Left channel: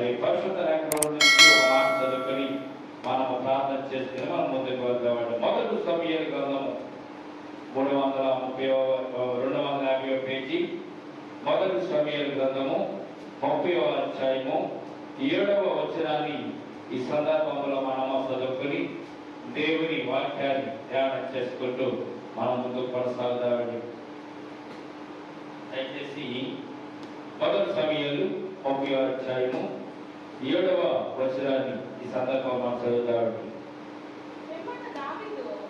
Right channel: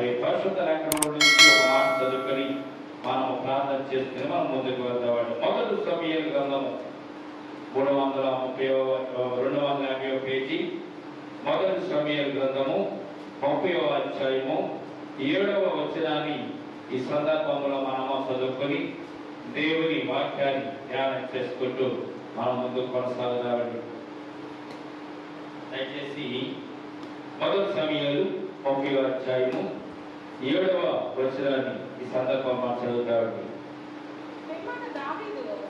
మరి పరిశుద్ధ లేఖనంలో నుంచి ఒక మాట చదువుకొని మనము ప్రార్థన చేసుకుని మనం ముందుకు వెళ్తామండి. మొదటి సమూయేలు గ్రంథము 250వ పేజీ, మొదటి సమూయేలు గ్రంథము 30వ అధ్యాయము 7వ వచనాన్ని ఈ సందర్భంలో మనము చదువుకొని దేవుని వాక్యాన్ని ధ్యానం చేసుకుంటూ మనం ముందుకు కొనసాగుతామండి. దయచేసి మొదటి సమూయేలు 30వ అధ్యాయము 7వ వచనాన్ని ఈ సందర్భంలో చదువుతామండి.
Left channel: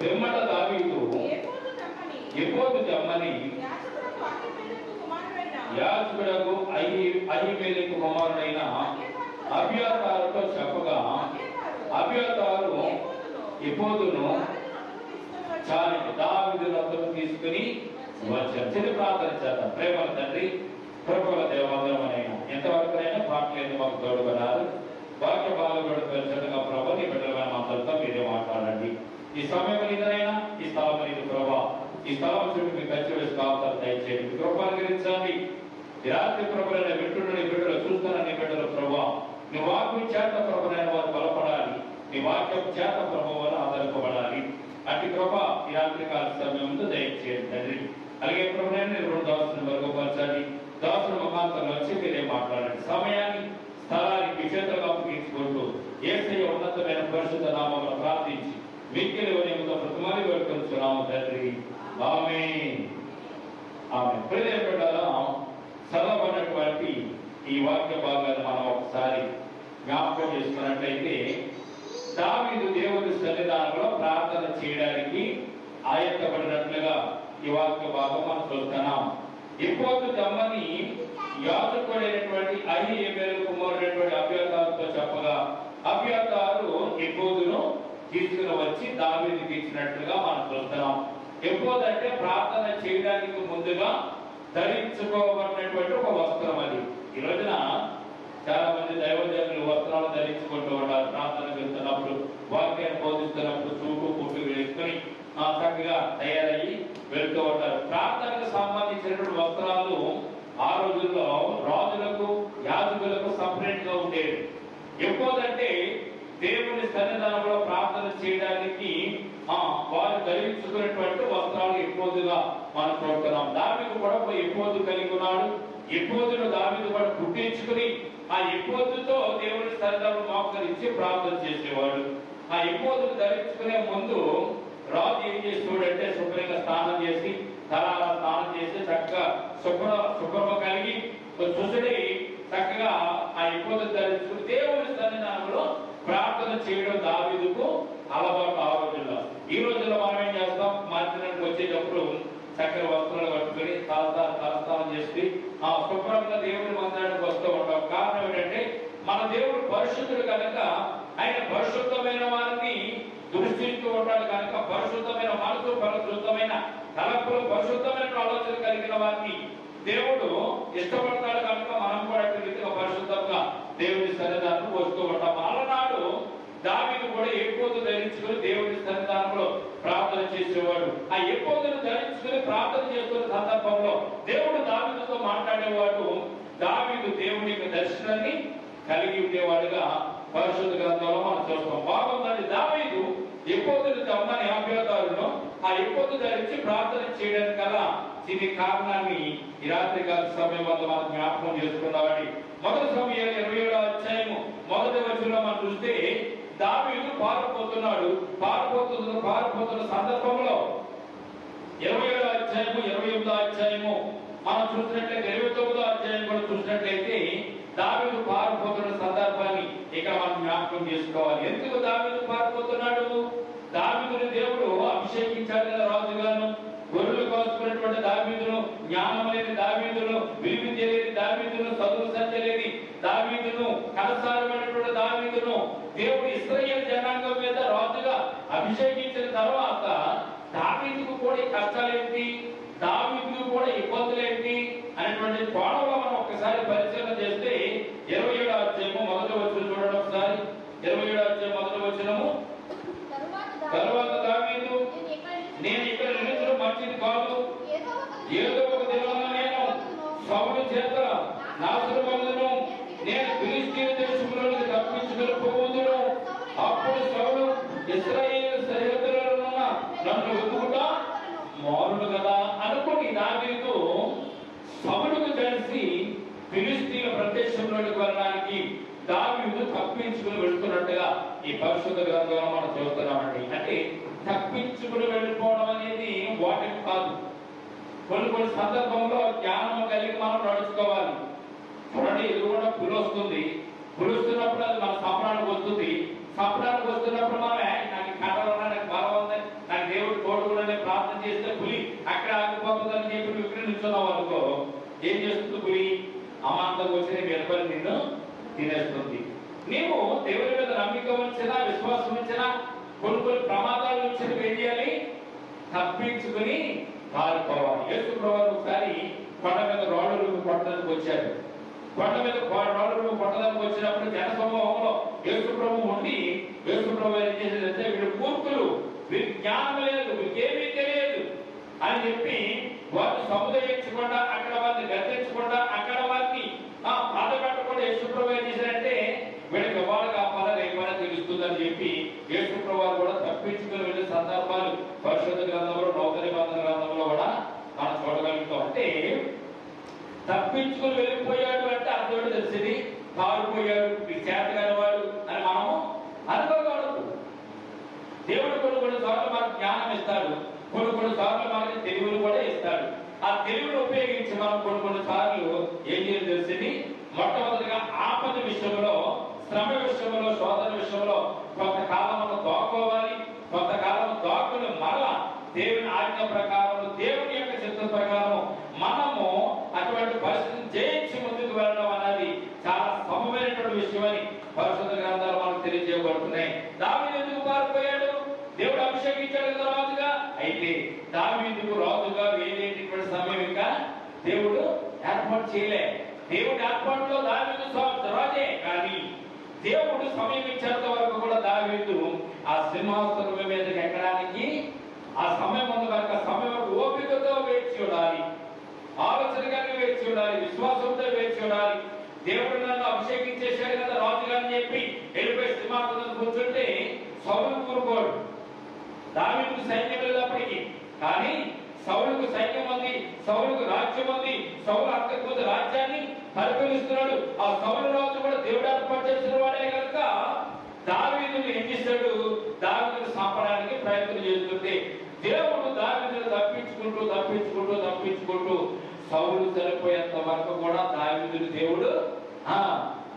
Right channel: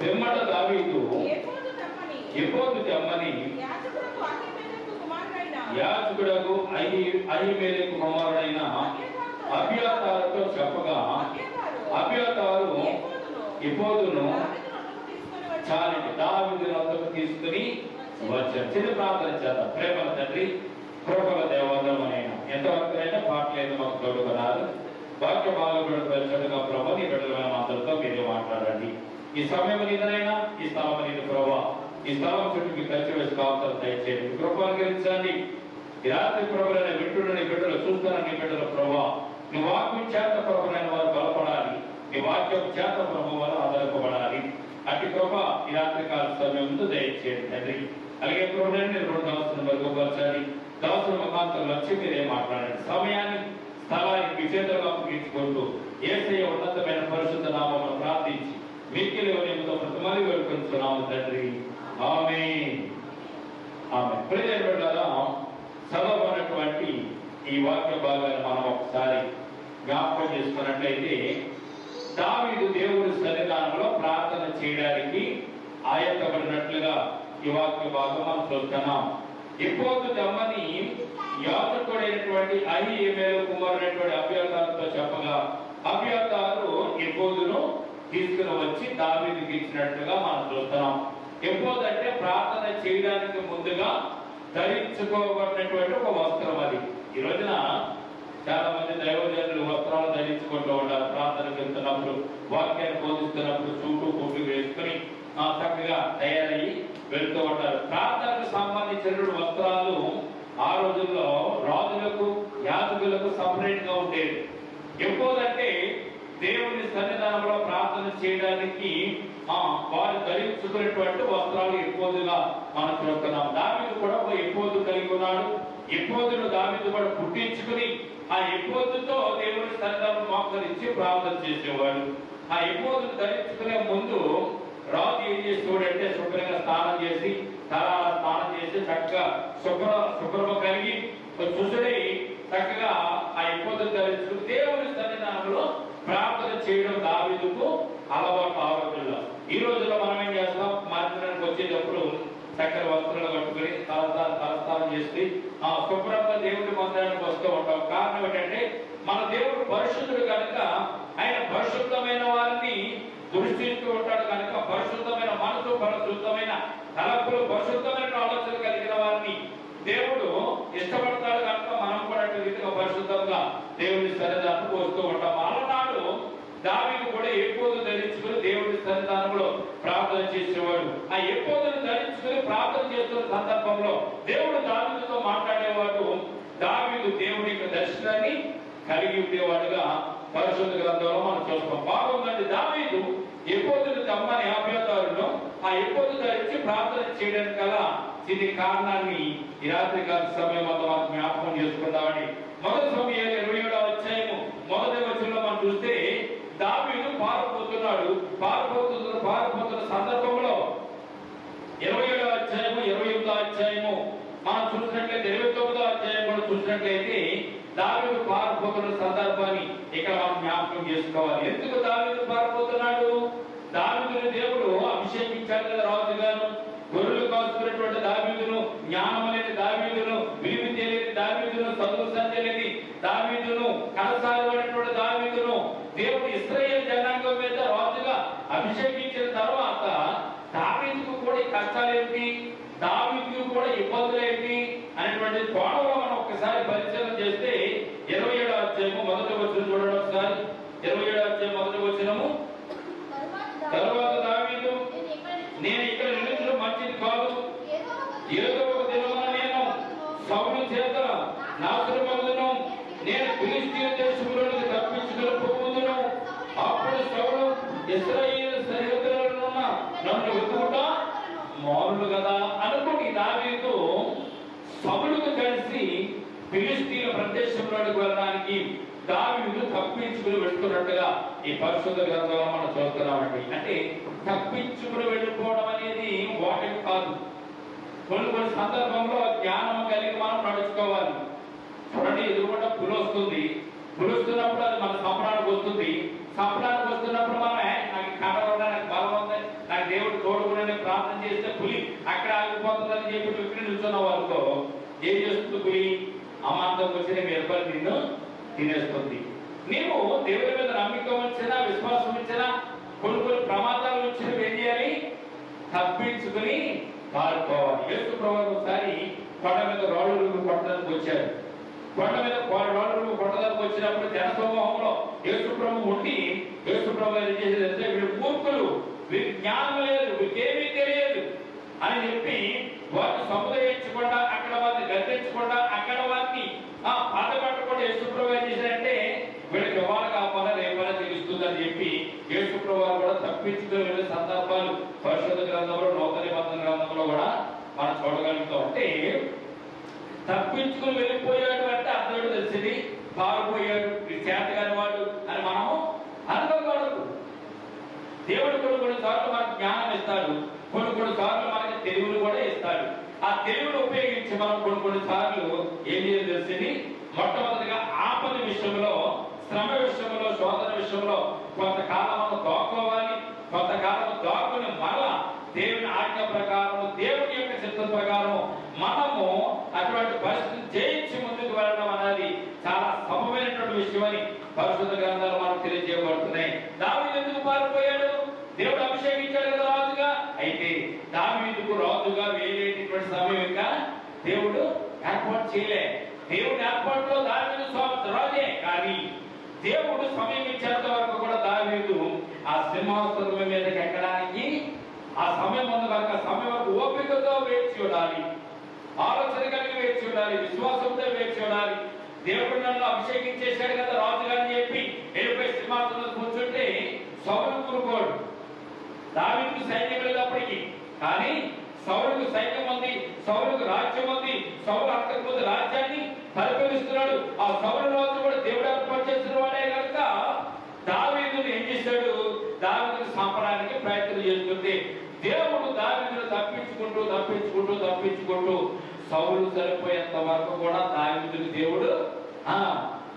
పిమ్మట దావీదు ఎఫోదు తెమ్మని యాజకుడకు అహీమెలెకు కుమారుడైన అబ్యాతారుతో చెప్పగా అబ్యాతారు ఎఫోదును చాలని దావీదు వద్దకు తీసుకుని వచ్చారు. చిన్న ప్రార్థన చేద్దాం. ప్రేమల తండ్రి, కృపల దేవందరమైనా ఎంతవరకు అయినా పాటలేదు మాకు తోడుకున్నారు. వాక్య భాగంలో పరిచయంగా ప్రభు నీ బిడ్డలమైన మాటలతో మీరే మాట్లాడండి. ఈ సమయం నీదైనా ఈ స్థలం నీది ప్రభా. ఈ స్థలం చుట్టూ మీ ఖర్చు వేసి కాపుతారు దయచేయండి. కృపను గ్రహించండి. ఈ రాత్రి ప్రభులైన బిడ్డలు నీ బిడ్డలు చూస్తున్న నీ బిడ్డలు ప్రభా, నీ వాక్యం చేత ప్రభులైన వారు బలపడాలి. నీ వాక్యం చేత ప్రభు వల్ల ఆధారపడాలి. అటు ప్రభా ఈ రాత్రి కాల సమయంలో దయచేయండి తండ్రి. అలాగే ప్రభులైన నేను దాసుని మరుగుపరచండి. దాసుల ముఖాంతరం వచ్చి మీరే మాట్లాడండి. సమయాన్ని స్థలాన్ని మీ చేతులకు అప్పగించుకుంటూ యేసయ్య ఉన్నతమైన పరిశుద్ధ నామమును ప్రార్థించి మిక్కిలి ఉదయంతో ప్రతిమాని వేడుకొంచున్నాము తండ్రి. ఆమేన్. ఆమేన్. ప్రియమైన బిడ్డలారా, చదవబడినటువంటి ఈ వాక్య భాగాన్ని మనం ఒకసారి జ్ఞాపకం చేసుకున్నట్లయితే, దావీదు దేవుని సన్నిధానంలో ప్రార్థన చేయడానికి ఆయత్తపడినట్లుగా ఈ వాక్య భాగం మనం చూస్తున్నాం. ఎఫోదు తెమ్మని యాజకుడైనటువంటి అహీమెలెకు కుమారుడైనటువంటి అబ్యాతారుతో చెప్పగా అబ్యాతారు ఎఫోదును తీసుకుని వచ్చి దావీదుకి ఇచ్చినట్లుగా మనం చూస్తున్నాం. ఎఫోదు అంటే ప్రార్థన చేయడానికి ముందుగా ధరించుకోబడినటువంటి ఒక వస్త్రం. అది ఈ రోజున చాలా మంది దైవజనులు వస్త్రాలు ధరించుకుంటూ ఉంటారు. ప్రార్థనకు వెళ్తున్నప్పుడు, వాక్యాన్ని బోధిస్తున్నప్పుడు సూటు కుట్టు వేసుకుని చక్కగా తయారయ్యి వెళ్తూ ఉంటారు. ప్రార్థనకు సంబంధించినటువంటి వస్త్రాలు ఆ రోజుల్లో రాజులకు యాజకులకు సపరేట్ గా ఉండేది. ఎఫోదంటే దేవుని సన్నిధానంలో ప్రార్థన చేయడానికి వారు ధరించుకునేటువంటి వస్త్రాలు ఎఫోదుగా మనం చూస్తున్నాం. దావీదు కూడా ఎఫోదు కలిగి ఉన్నాడు. ఎఫోదును దావీదు కూడా కుట్టించుకుని ఆ ఎఫోదుతో దేవుని సన్నిధానం మోకరించి ప్రార్థన చేసేవాడు. ఆ ఎఫోదును ధరించుకునే ముందు రాజు ఏం చేసేవాడంటే శుభ్రంగా స్నానం చేసి స్నానం చేసి చక్కగా శుభ్రమ కలిగి చూసుడి చక్కగా ఆ ఎఫోదును ధరించుకుని దేవుని సన్నిధానంలో ప్రార్థన చేయడం దావీదుకు అలవాటు. ఆ రోజుల్లో ఈ రోజుల్లో మనం ఏం చేస్తాం, మందిరానికి వచ్చేటప్పుడు చక్కర వస్త్రాలు కట్టుకుని తలస్నానం చేసి శుభ్రంగా దేవుడి మందిరానికి వస్తూ ఉంటాం. కారణం ఏంటంటే మన దేవుడు పరిశుద్ధుడు కనుక ఆయన పరిశుద్ధమైన వారిని దృష్టిస్తూ ఉంటాడు కనుక పరిశుద్ధమైన మనసు, పరిశుద్ధమైన తలపులు, పరిశుద్ధమైన ఆలోచన కలిగిన వారిని దేవుడు ఇష్టపడతాడు కనుక మనం కూడా పరిశుద్ధంగా దేవుడి సన్నిధానం వస్తూ ఉంటాం. అలనాడు దావీదు కూడా ఎఫోదు ధరించుకుని దేవుడి సన్నిధానంలో ప్రార్థన చేసేవాడు. ఆ ఎఫోదును ధరించుకుని ప్రార్థన చేస్తున్న సందర్భంలో దేవుడు దావీదుతో మాట్లాడేవాడు. దావీదు దేవుని దర్శనాన్ని కలిగి ఉండేవాడుగా పరిశుద్ధ గ్రంథంలో మనం చూస్తాం. బాగుందండి. దావీదు ఎఫోదును తెమ్మని అబ్యాతారును ఆ ఎఫోదు ధరించి ప్రార్థన చేయడానికి గల ఇది కారణాన్ని ఈ రాత్రి కాల సమయం వద్ద మనం జ్ఞాపకం చేసుకుందామని. మొదటి సమూయేలు 27వ అధ్యాయము 1వ వచనంలో మనం చూస్తే దావీదు పారిపోతున్నాడు. పారిపోతున్న సందర్భంలో 27వ అధ్యాయము 28వ అధ్యాయము మనం చూసినట్లయితే 29వ అధ్యాయం కూడా చూసినట్లయితే దావీదు పారిపోతున్న సందర్భాన్ని ఇక్కడ మనం జ్ఞాపకం చేసుకోవాలి. ఎందుకు దావీదు పారిపోతున్నాడు? దావీదుని దేవుడు అభిషేకించాడు కదా రాజుగాను. గొర్రెలు కాసుకున్నటువంటి దావీదును, జ్ఞానం లేని దావీదును, విలువ తెలియని దావీదును, చదువు సంచలేని దావీదును, కనసాగబడినటువంటి దావీదును దేవుడు ఇశ్రాయేలు జనాంగం మీద రాజుగా అభిషేకించిన తర్వాత దావీదుకు కూడా ఈ కష్టాలు ఏంటి, దావీదుకు కూడా ఇబ్బందులు ఏంటి అనేటువంటి కోణంలో మనం ఒకసారి పరిశీలన చేస్తే 27వ అధ్యాయము 1వ వచనం చూడండి ఒకసారి. 27వ అధ్యాయం 1వ వచనము, తరువాత దావీదు నేను ఇక్కడ నిలిచడం మంచిది కాదు, ఏదో ఒక దినాన నేను సౌలు చేత నాశనమగుదును, నేను ఫిలిష్తీయ దేశంలోనికి తప్పించుకుని పోవుదును. అప్పుడు సౌలు ఇశ్రాయేలు సరిహద్దులలో నన్ను వెతుకుతా మారును కదా అనుకుని దావీదు సౌలుకు కలిసి ఫిలిష్తీయ ప్రదేశంలోనికి వెళ్ళడానికి దావీదు తప్పించుకుని వెళ్తున్నట్టుగా ఈ పరిశుద్ధ గ్రంథంలో మనం చూస్తున్నామండి. అంటే తప్పించుకుని వెళ్ళిపోవడం అనేది వాటి కాదు. కొన్ని సందర్భంలో జ్ఞానం కలిగి మనం నడుచుకోవాలి. చూడండి, ఎదురుకుండా పులి వస్తుంది, పులుస్తున్నప్పుడు అది మన సపనానికి వస్తుంది. సపనానికి వస్తున్నప్పుడు మనం నాకు కడవ నాకు బలం ఉంది, నాకు దేవుడు తోడుకుని ప్రార్థన చేస్తే పులి అక్కడ ఆగిపోతుందని చెప్పి నువ్వు ఇక్కడ నిల్చున్నావు అనుకో, ఏం చేస్తుంది పులి? అమాంతం వచ్చిన మీ నిన్ను తినేస్తుంది. నీవు దేవుడి మీద నమ్మిక ఉంచినా విశ్వాసం ఇచ్చినా కొన్ని ప్రమాదాలు ఇచ్చిన ఏం చేయాలి? తప్పించుకుని పారిపోవాలి. యేసు ప్రభువు ఒకసారి కొండ మీద రాళ్ళు కొట్టడానికి వచ్చారు. కొండ మీద రాళ్ళు కొట్టడానికి వచ్చినప్పుడు జన సమూహంలో యేసు ప్రభువు ఉండి యేసు ప్రభువు ఏం చేసేదంటే వీళ్ళు మూర్ఖులు, వీరికి జ్ఞానం లేదు, వీరికేమీ తెలియదు అని చెప్పి వారిని సముదాయించకుండా అక్కడ వారిని గర్తించకుండా అక్కడ వారిని బాధ పెట్టకుండా యేసు ప్రభువు ఏం చేశారంటే వీళ్ళకి ఇవ్వాలి కాపాలా రేపాలా తెలుస్తుందని చెప్పి యేసు ప్రభువు కూడా తప్పించుకుని వెళ్ళే సందర్భాలు పరిశుద్ధ గ్రంథంలో నూతన నిబంధన గ్రంథంలో కూడా మనం చూడగలుగుతాం. అంటే తప్పించుకుని వెళ్ళిపోయాడు అంటే అర్థం తెలిసింది, పారిపోయాడు, చేతగాని వాడు అని మనము అనుకోకూడదు. దేవుడు కొన్ని సార్లు మనకు జ్ఞానం ఇస్తాడు, కొన్ని సార్లు మనకి తెలివిని కూడా ఇస్తాడు. ఆ తెలివిని ఉపయోగించి మనం కొన్ని సార్లు ఏం చేయాలి తెలిసింది, మొట్టమొదటిగా ఆపద విషయంలో, శ్రమ విషయంలో, శోధన విషయంలో కొంతకాలం మనం దాక్కోవాలి. కొంతకాలం దాక్కుని మరలా దేవుని ఆజ్ఞ ప్రకారం, దేవుని యొక్క చిత్తం ప్రకారం మనము అటువంటి పరిస్థితిని జయించి ముందుకు వెళ్ళడం అనేది చాలా సమమైనటువంటి విషయం అని పరిశుద్ధ గ్రంథాలు మనకు తెలియజేయబడుతున్నాయి. దావీదు ఎందుకు పారిపోయాడు? దేవుడు అభిషేకించాడు కదా రాజుగా. అయితే దావీదుకు రాజుగా వేరేటటువంటి సమయం ఇంకా దేవుడు ఏర్పాటు చేయలే. దేవుడి ఏర్పాటులో దావీదు రాజే, కానీ దేవుడు సమయం ఇచ్చేంత వరకు కూడా దావీదు ఆ సింహాసనం మీదకి ఎక్కడానికి ఆ సమయం ఉంది కనుక సమయం వరకు ఓపికతో వేచి ఉండాలి, ఆలోచన కలిగి వేచి ఉండాలి, విశ్వాసంతో వేచి ఉండాలి. దేవుడు నన్ను అభిషేకించేశాడు కదా రాజుగా అని చెప్పి వెళ్ళిపోయి సింహాసనం కూర్చుంటే సౌలు కూరుకోడు. దావీదుకు సైన్యం వెళ్ళినప్పటికీ, కానీ సౌలుకు సైన్యం ఉంది, సౌలుకు రాజ్యం ఉంది, సౌలు అక్కడికి రాజ్యాన్ని పరిపాలిస్తున్నాడు. ఆ సౌలు రాజు కూడా దేవుడు ఏర్పాటు చేసిన వాడే కనుక దావీదును ఏం చేశాడు? దావీదును సంపడానికి ప్రయత్నం చేస్తుంటే దేవుడు దావీదును తప్పించుకుంటూ సౌలు చనిపోయేంత వరకు కూడా దావీదును దేవుడు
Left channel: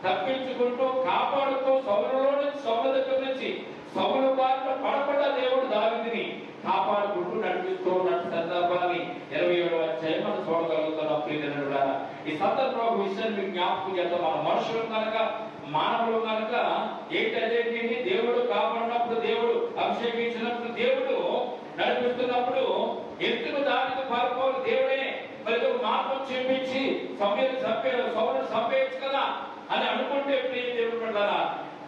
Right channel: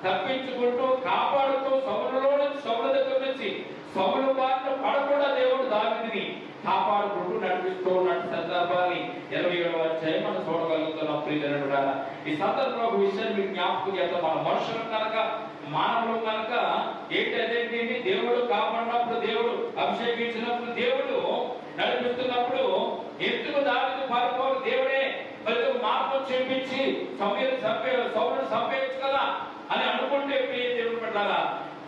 తప్పించుకుంటూ కాపాడుతూ సౌలు దగ్గర నుంచి సౌలు బారిన పడకుండా దేవుడు దావీదుని కాపాడుకుంటూ నడిపిస్తూ ఉన్న సందర్భాన్ని 27వ అధ్యాయం మనం చూడగలుగుతున్నాం. ప్రియజనుడా, ఈ సందర్భంలో ఒక విషయాన్ని మీకు జ్ఞాపకం చేద్దాం. మన మనుషులు కనుక, మానవులు కనుక ఏంటంటే దేవుడు కాపాడినప్పుడు, దేవుడు అభిషేకించినప్పుడు, దేవుడు నడిపిస్తున్నప్పుడు ఎందుకు దావీదు పారిపోవాలి? దేవుడే మరి మార్గం చూపించి సౌలును చంపేయచ్చు కదా అని అనుకుంటే ప్రియ దేవుడు పెట్టాలా?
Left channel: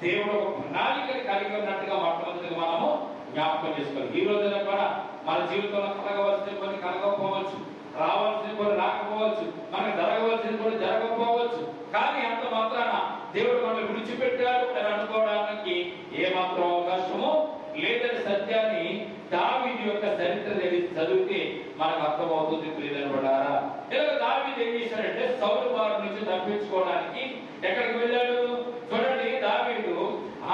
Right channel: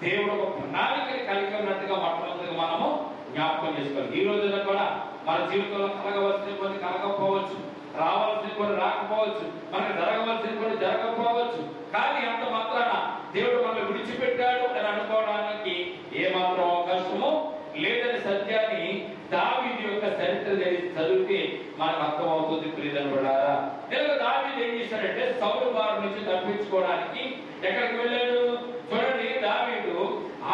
దేవుడు ఒక ప్రణాళికలు కలిగి ఉన్నట్టుగా మొట్టమొదటిగా మనము జ్ఞాపకం చేసుకోవాలి. ఈ రోజున కూడా మన జీవితంలో కలగవలసిన కొన్ని కలగకపోవచ్చు, రావాల్సిన కొన్ని రాకపోవచ్చు, మనకు జరగవలసిన కొన్ని జరగకపోవచ్చు. కానీ అంత మాత్రాన దేవుడు మనల్ని విడిచిపెట్టాడు అని అనుకోవడానికి ఏమాత్రం అవకాశము లేదని సత్యాన్ని దావీదు యొక్క చరిత్ర చదివితే మనకు అర్థమవుతుంది. ప్రియజనులారా, ఇలా దావీదు ఏం చేశాడంటే సౌలు బారి నుంచి తప్పించుకోవడానికి ఎక్కడికి వెళ్ళాడు? చూడండి, దావీదు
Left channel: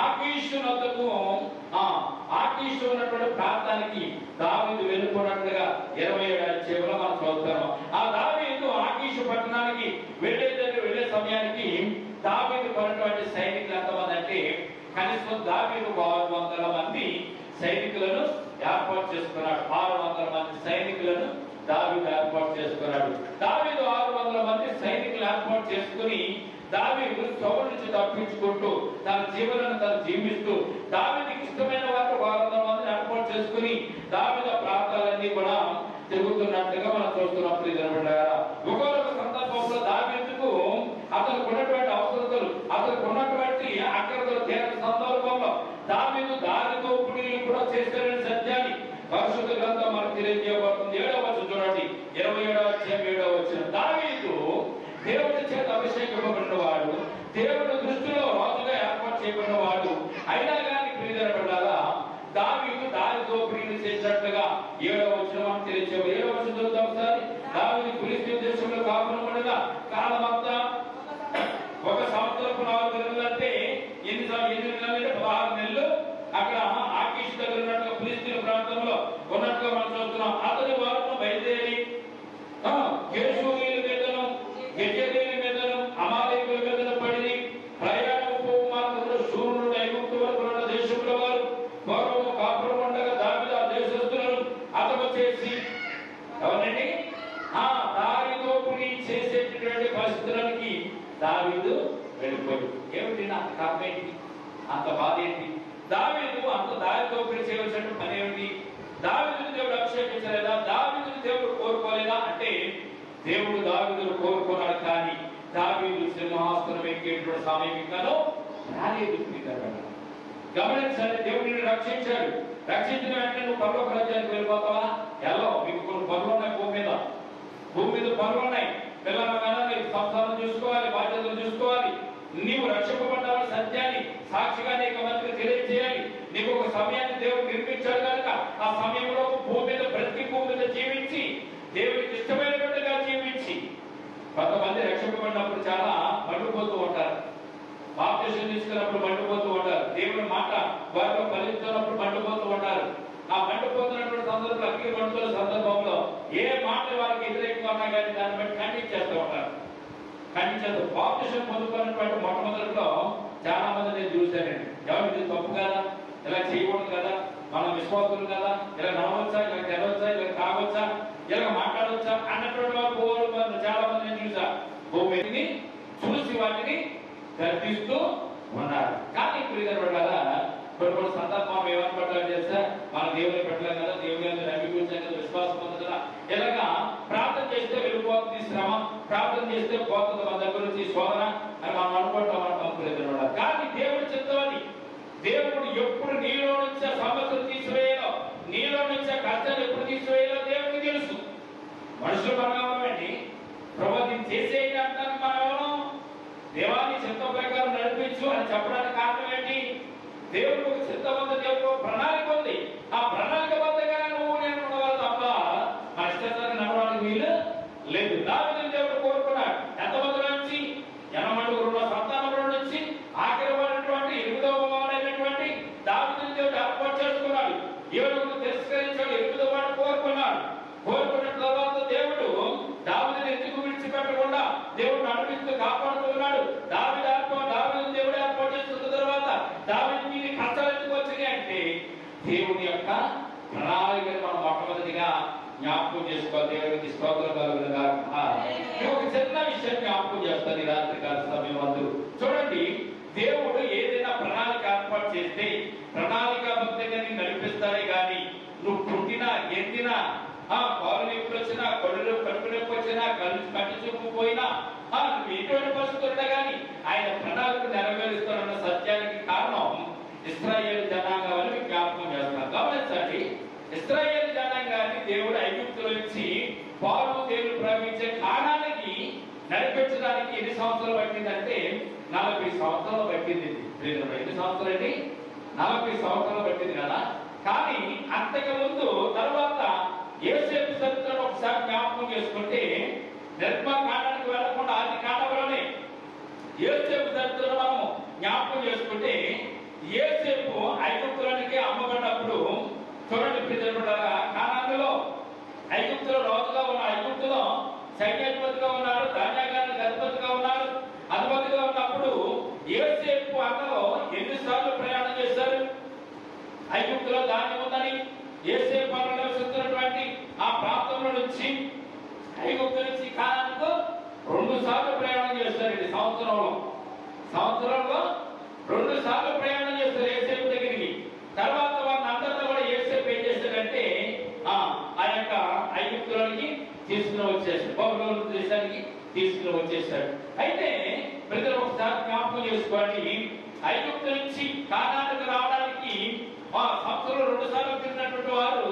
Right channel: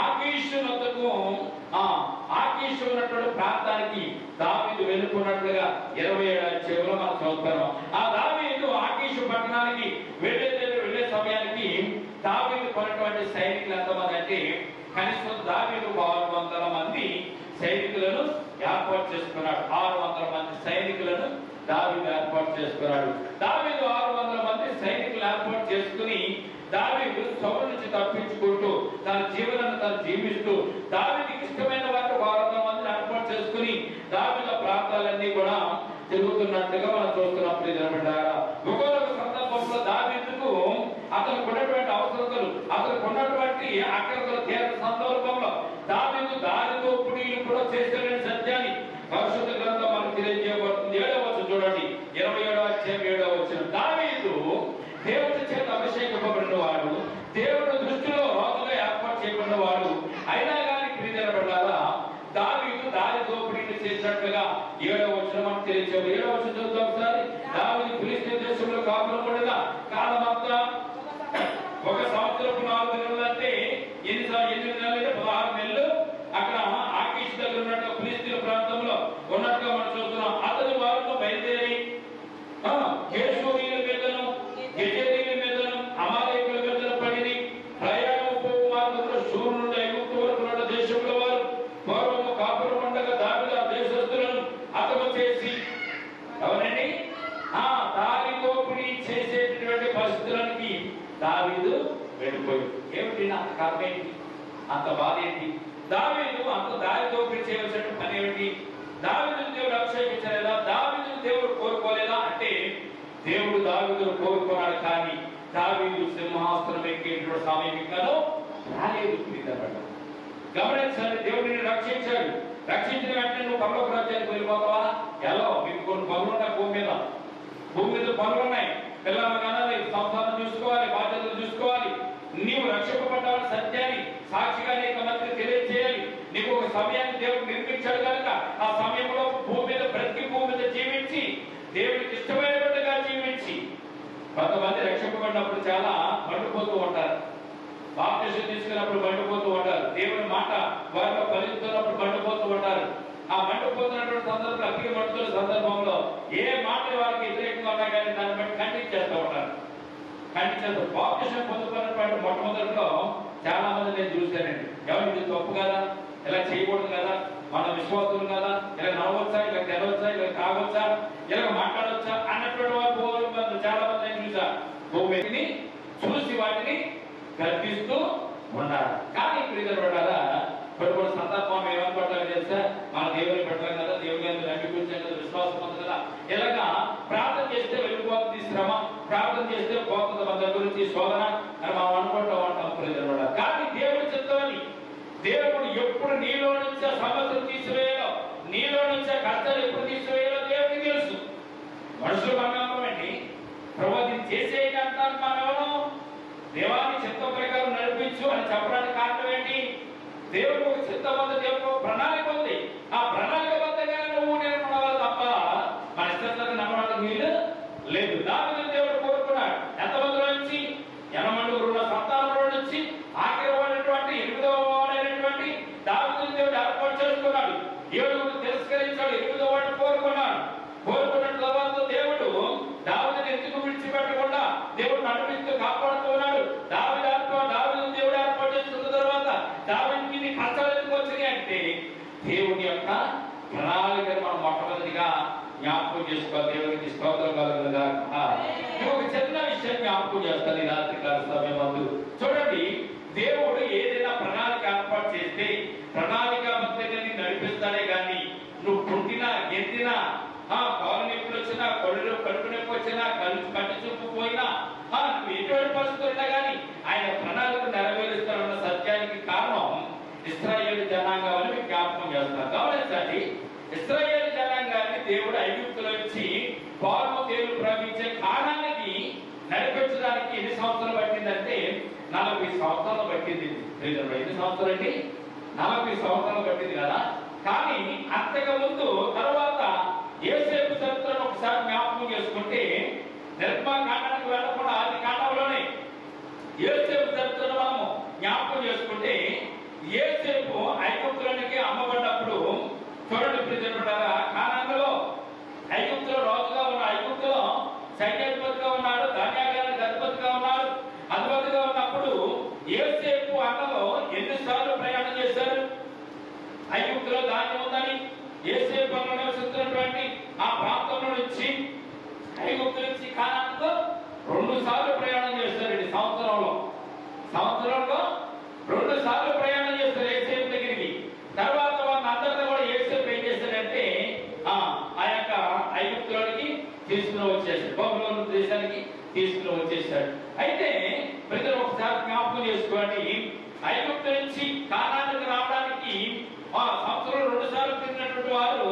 ఆకీషు నొద్దకు ఆకీషు ఉన్నటువంటి ప్రాంతానికి దావీదు వెళ్ళిపోయినట్టుగా 27వ అధ్యాయంలో మనం చూస్తున్నాం. ఆ దావీదు ఆకీషు పట్టణానికి వెళ్ళే సమయానికి దావీదు పడినటువంటి సైనికులు ఎంతమంది అంటే కనీసం దావీదు 600 మంది సైనికులను ఏర్పాటు చేసుకున్నాడు. 600 మంది సైనికులను దావీదు ఏర్పాటు చేసుకున్నాడు. దావీదు 600 మంది సైనికులు ఏర్పాటు చేసుకుని దావీదు సౌలు నుంచి తప్పించుకుంటూ తన జీవనాన్ని తను జీవిస్తూ దావీదుకి ఇష్టమైన వారికి 600 మందిని ఏర్పాటు చేసుకుని దావీదు ప్రాంతాలన్నీ కూడా తిరుగుతున్నట్టుగా మనం చూస్తున్నాం. ప్రియజనులారా, ఒక్కొక్క సందర్భంలో దావీదుకు అతనికి ఉన్నటువంటి అవసరతలు, అతనికి ఉన్నటువంటి అక్కరతలు తీరని సందర్భంలో దావీదు దారిదోపుడు కూడా చేశాడని సత్యాన్ని పరిశుద్ధ గ్రంథం మనకు తెలియజేయబడుతుంది. 7వ వచనం చూడండి, 27వ అధ్యాయం 7వ వచనం. దావీదు దేవుడి చేత అభిషేకింపబడిన వాడు, కాపురం ఉండగా కాలం అంతా 1 సంవత్సరపు 4 నెలలు అంటే ఎన్ని నెలలు? 16 నెలలు అక్కడ ఆకీష్ దగ్గర ఉన్నట్టుగా ఫిలిస్తీన్ ప్రాంతంలో ఉన్నట్టుగా మనం చూస్తున్నాం. అతని వారితో బయలుదేరి గెషూరీయుల మీదను గెజెరీయుల మీదను అమాలేకుల మీదను పడి ప్రయాణపు మార్గంలో షూరు నుండి ఐగుప్తు వరకు ఉన్న దేశంలో వారు పూర్వము కాపురం ఉండగా దావీదు ఆ దేశస్తులను హతము చేసి ఎవరండి దారి దోపిడీ చేసేటటువంటి పరిస్థితులకి దావీదు వెళ్ళిపోయి. ఏమిటి అంత కారణం ఏంటి? అంత బాధ ఏంటి? దావీదు అంత దారి దోపిడీ చేయవలసిన పని ఏమిటి? దావీదును దేవుడు అభిషేకించలేదా? దావీదును దేవుడు కోరుకోలేదా అంటే దేవుడు దావీదును కోరుకున్నాడు, కానీ దావీదు సింహాసనం ఎక్కేటువంటి సమయం ఇంకాను రాలేదు. గమనించాలి, దేవుడిని రక్షించాడు. రక్షించిన వెంటనే నువ్వు పరలోక రాజ్యానికి వెళ్ళిపోతావా? ఎలా? మీకు కొన్ని పనులు ఉన్నాయి భూమి మీద పనులు ఉన్నాయి. పిల్లలు కదా, నీకు సంసారం చూసుకోవాలి, బాధ్యతలు చూసుకోవాలి. నీవు రక్షింపబడ్డావని సత్యాన్ని సాక్షిగా నీకు మంత్రి తెలియజేయాలి. నీకు ఒక సమయాన్ని దేవుడు నిర్మించాడు కనుక ఆ సమయంలో భూమి మీద బ్రతికి భూమి మీద జీవించి దేవుడికి ఇష్టమైనట్టుగా జీవించి. కొంతమంది రక్షింపబడినప్పుడు చాలా మండిపోతూ ఉంటారు, బాప్తిసం తీసుకున్నప్పుడు మండిపోతూ ఉంటారు, దేవుని మాట వారిలో ఫలిస్తున్నప్పుడు మండిపోతూ ఉంటారు. ఆ మండిపోతున్నటువంటి సందర్భంలో అగ్ని మండుతున్న సందర్భంలో ఏ మాట వారికి వ్యతిరేకంగా ఉన్నా కానీ దాన్ని బట్టి ఖండించేస్తూ ఉంటారు. ఖండించేస్తూ బాప్తిసం పొందుతున్నటువంటి మొట్టమొదటిలో చాలా మంది నేను చూశానండి. ఎవరు ఇది తప్పు కదా, ఇలా చేయకూడదు కదా, మన విశ్వాసులు కదా, ఇలా నడవచ్చా, ఇలా తెరవచ్చా, ఇలా తాగొచ్చా, ఇలా మాట్లాడవచ్చా అన్నటువంటి వారు చాలా మంది నేను చూసా. భూమిని చూసి వాటిని గర్భిస్తూ ఉన్నారు. కానీ ఇప్పుడు కొన్ని సందర్భం ఏమనుకుంటారు చేస్తే మన దేవుని పెట్టలేం కదా, దేవుని అంగీకరించాం కదా, విశ్వాసం ఉంది కదా, ఇలాగా ప్రార్థన చేస్తే వెళ్ళిపోతుంది శ్రమ, ప్రార్థన చేస్తే పోతుంది మన దగ్గర నుంచి శోధన అని మనం అనుకుంటాం అంటాం. కానీ దేవుడి చిత్తమని దేవుడు ఎప్పుడు నీలో నుంచి సమస్యలు తీసివేయాలో, నీలో నుంచి కష్టాలు ఎప్పుడు తీసివేయాలో దేవుడికి తెలుసు. మనుషులు మనమేమండి ప్రవృత్తి చేసేది అంటాను. మనం దేవాన్ని చిత్త ప్రకారం నడిపించు అని చెప్పడానికి కారణం ఏంటి? దేవుడు చిత్తబద్ధ దేవుడు ప్రణాళిక ఉంది. ఆ ప్రణాళికబద్ధంగా నువ్వు నేను నడవాలి తప్ప మన ఇష్టం నమ్మడానికి వీలు లేదు. దావీదు దేవుడు కోరుకున్నాడు. ఎంతమందిలో నుంచి 80 సంతానంలో నుంచి ఆఖరి వాడైనటువంటి 8వ వాడైనటువంటి దావీదును దేవుడు ఏర్పాటు చేసుకున్నాడు. 7 తిరస్కరించాడు, 8వ వాడు కోరుకున్నాడు. కోరుకున్న తర్వాత దేవుడు దావీదును ఎందుకు విడిచిపెట్టకుండా దేవుడు నడిపిస్తూ కాపాడుతూ ఉన్నాడు. దావీదు దేవుడు ఏర్పాటు చేసుకున్న తర్వాత దావీదుకి కష్టాలు ఎందుకు వచ్చినాయి అంటే దేవుని యొక్క ప్రణాళికను మనం మొట్టమొదటిగా జ్ఞాపకం చేసుకోవాలి. దేవునికి స్తోత్రం కలుగునుగా. ఒక చిన్న విషయం జ్ఞాపకం చేస్తాను ఈ రాత్రి కాల సమయం వద్దు. చూడండి, దేవుడు ఏదైనా ప్రణాళిక ఏర్పాటు చేస్తే ప్రణాళికాబద్ధంగా నడిపిస్తాడే గాని నువ్వు పుట్టినా ఎత్తినా కాలు నొప్పులు వచ్చినా, కడుపు నొప్పి వచ్చినా, కంటి చూపు పోయినా, నువ్వు ఎటువంటి పరిస్థితులు కానీ ఆయన ప్రణాళిక నెరవేరుస్తానన్న సత్యానికి కారణం ఇశ్రాయేలు జనాంగం అని మీకు జ్ఞాపకం చేస్తున్నారు. గమనించండి, ఇశ్రాయేలు జనాంగాన్ని దేవుడు ఐగుప్తులో నుంచి పాలు దేవుడు ప్రవహించే కాలానికి నడిపించడానికి ఎన్ని సంవత్సరాలు పట్టిందంటే 40 సంవత్సరాలు పట్టింది. ఎన్ని సంవత్సరాలు అండి? 40 సంవత్సరాలు పట్టింది కదా. కానీ అంతకు ముందు తర్వాత యోసేపు చరిత్రను ఒకసారి జ్ఞాపకం చేసుకుంటే నిర్మాకాండానికి వెళ్లకుండా ఆది కాండంలోనే యోసేపు చరిత్రను మనము జ్ఞాపకం చేసుకుంటే యోసేపు ఐగుప్తులోనికి అమ్మబడినప్పుడు చూడండి ప్రియమైనవారా, కానానులో ఐగుప్తులో రాజుగా ఉన్న ఐగుప్తులో సైన్యాధిపతిగా ఉన్నాడు, ధాన్యాగారానికి అధిపతిగా ఉన్నాడు. అధిపతిగా ఉన్నప్పుడు యోసేపు అన్నలో ఎన్నిసార్లు ప్రయాణం చేశారు? ఐగుప్తులో ధాన్యం ఉందని యోసేపు అన్న నివసిస్తున్నటువంటి ఆ ప్రాంతంలో నుంచి ఐగుప్తు నుంచి కానానుకు 2 సార్లు ప్రయాణం చేస్తారు. ఇది సంవత్సరంలో 2 సార్లు ప్రయాణం చేస్తారు యోసేపు దగ్గరికి. తర్వాత వాళ్ళ అందరితో కూడా యోసేపు ఏం చేశాడంటే ఆ యొక్క ఐగుప్తులోనికి తీసుకుని వచ్చేసాడు, బబులోను దేశానికి తీసుకుని వచ్చేసాడు. అయితే ప్రజలు ఒకసారి జ్ఞాపకం చేసుకోండి, ఐగుప్తు నుంచి కానానుకు రావడానికి సంవత్సరం 2 సార్లు తిరిగినటువంటి వారు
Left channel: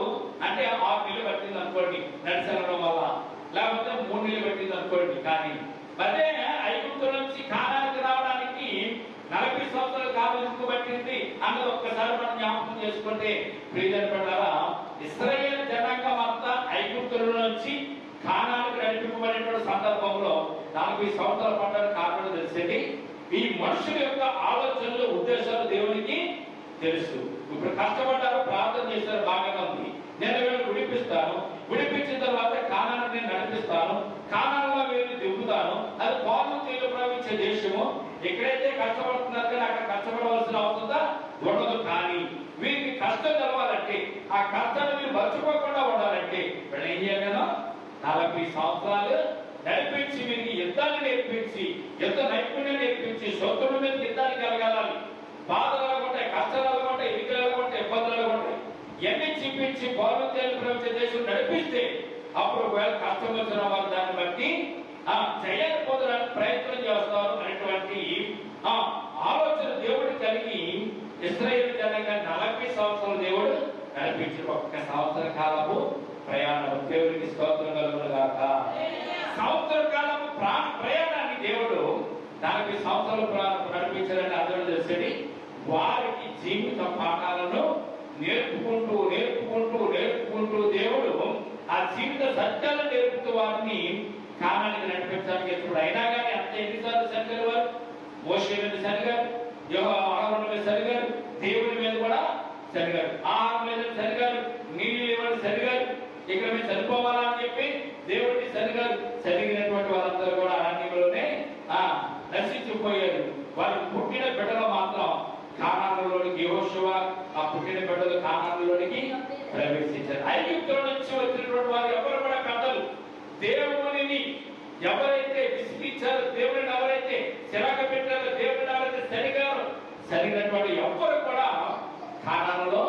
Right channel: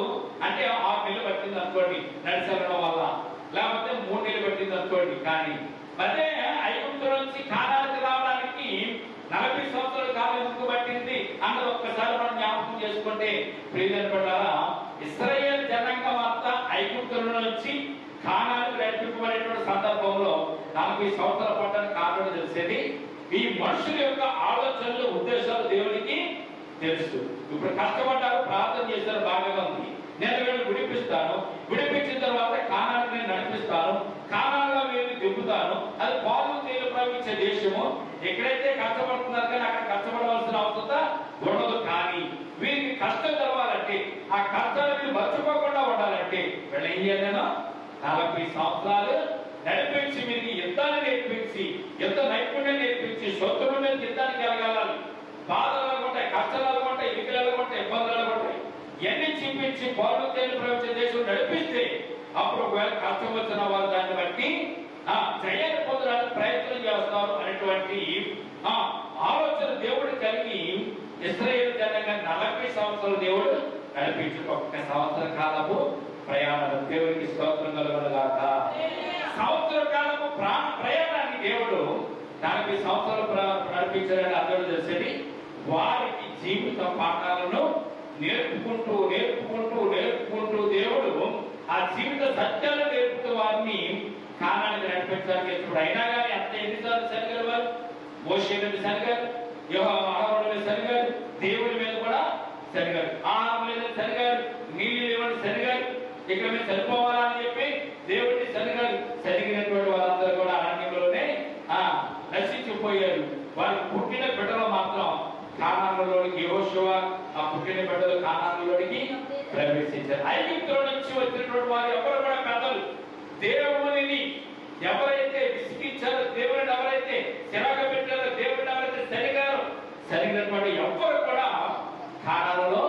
అంటే 6 నెలలు పట్టింది అనుకోండి నడిచడం వల్ల, లేకపోతే 3 నెలలు పట్టింది అనుకోండి. కానీ అదే ఐగుప్తు నుంచి కానానుకు రావడానికి 40 సంవత్సరాల కాలం ఎందుకు పట్టింది అన్నది ఒక్కసారి మనం జ్ఞాపకం చేసుకుంటే ప్రియమైనవారా, ఇశ్రాయేలు జనాంగం అంతా ఐగుప్తుల నుంచి కానానుకు నడిపింపబడినటువంటి సందర్భంలో 40 సంవత్సరాల పట్టడానికి కారణం తెలిసేది ఈ మనుషుల యొక్క ఆలోచనలు ఉద్దేశాలు దేవునికి తెలుసు. ఇప్పుడు కష్టపడ్డారు, ప్రార్థన చేశారు, బాగా ఉంది. నేను వీళ్ళని విడిపిస్తాను, విడిపించిన తర్వాత కానాను నేను నడిపిస్తాను, కానానులో వీళ్ళని దింపుతాను. అది పాలు తేలు ప్రవహించే దేశము. ఎక్కడైతే కష్టపడుతున్నారు కానీ అక్కడ కష్టపడవలసిన అవసరం ఉండదు. కానీ వీరికి కష్టం తెలవాలంటే, ఆ కష్టాన్ని మీరు మర్చిపోకుండా ఉండాలంటే వీళ్ళు ఏం చేయాలనో 40 సంవత్సరాలు నడిపించి వీరికి యుద్ధాన్ని నేర్పించి, యుద్ధ నైపుణ్యం నేర్పించి, శత్రువుల మీద యుద్ధానికి వెళ్ళగలాలి. బాధలు ఉంటాయి, కష్టాలు ఉంటాయి, ఇరుకులు ఉంటాయి, ఇబ్బందులు ఉంటాయి. ఎన్ని చూపించి పార్వతీయులు ప్రవేశించే దేశం నడిపిస్తే అప్పుడు ఒకవేళ కష్టం వచ్చిన వారు దాన్ని బట్టి జయాన్ని పొందడానికి ప్రయత్నం చేస్తారు అనేటువంటి ఆలోచన దేవుడు కలిగి ఇశ్రాయేలు జనంగా 40 సంవత్సరాలు దేవుడు నడిపించి 1 సంవత్సర కాలపు ప్రయాణం. దేవుడికి స్తోత్రం కలుగునుగాక. సంవత్సర కాలపు ప్రయాణాన్ని దేవుడు 40 సంవత్సరాలు నడిపించారని అర్థం చేసేది. వారికి జీవిత పాఠాలను నేర్పుకుంటూ నేర్పుకుంటూ నేర్పుకుంటూ దేవుడు ఆ జీవిత సత్యాలు నేర్పుతూ వారిని కానానికి నడిపించడానికి ఇప్పుడు అయినా కానీ అంత ఎన్నిసార్లు సరిగారు వారు మోషే మీద సరిగారు, యెహోవా మీద సరిగారు, దేవుడి మీద కూడా సరిగారు, ఆహారం మీద సరిగారు, నీళ్ళు లేవని సరిగారు, ఇక్కడ మీరు చనిపోవాలా అని చెప్పి దేవుడిని సరిగారు. సరిగినటువంటి వాళ్ళందరూ కూడా అరణ్యంలోనే నశించిపోయారు. వారు పుట్టిన బిడ్డలు మాత్రం కానానులోనికి యెహోషువ ఆ పుట్టిన బిడ్డలు కానానులోనికి ప్రవేశించారు. ఐగుప్తుల నుంచి వచ్చినటువంటి వారు ఎవరు కూడా పెద్దలు దేవుని ఎవరైతే విసిగించారో, దేవుని ఎవరైతే చిరాక పెట్టారో, దేవుని ఎవరైతే సరిగినటువంటి ఎవ్వరు కూడా కానానులో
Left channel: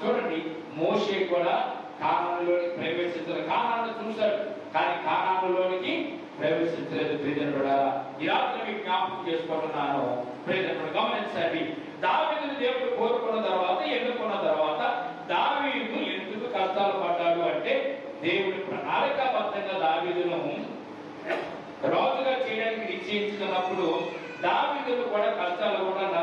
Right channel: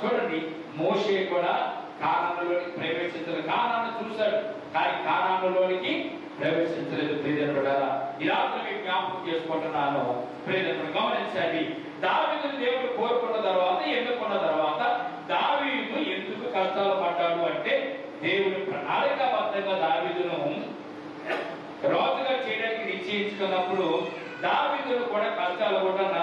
చూడండి. మోషే కూడా కానానులోనికి ప్రవేశించారు. కానాను చూశారు కానీ కానానులోనికి ప్రవేశించలేదు. ప్రియజనులారా, ఈ రాత్రి జ్ఞాపకం చేసుకుంటున్నాను. ప్రియజనుడు గమనించండి. దావీదును దేవుడు కోరుకున్న తర్వాత, ఎన్నుకున్న తర్వాత దావీదు ఎందుకు కష్టాలు పడ్డాడు అంటే దేవుని ప్రణాళికాబద్ధంగా దావీదును రాజుగా చేయడానికి నిశ్చయించుకున్నప్పుడు దావీదును కూడా కష్టాలు కూడా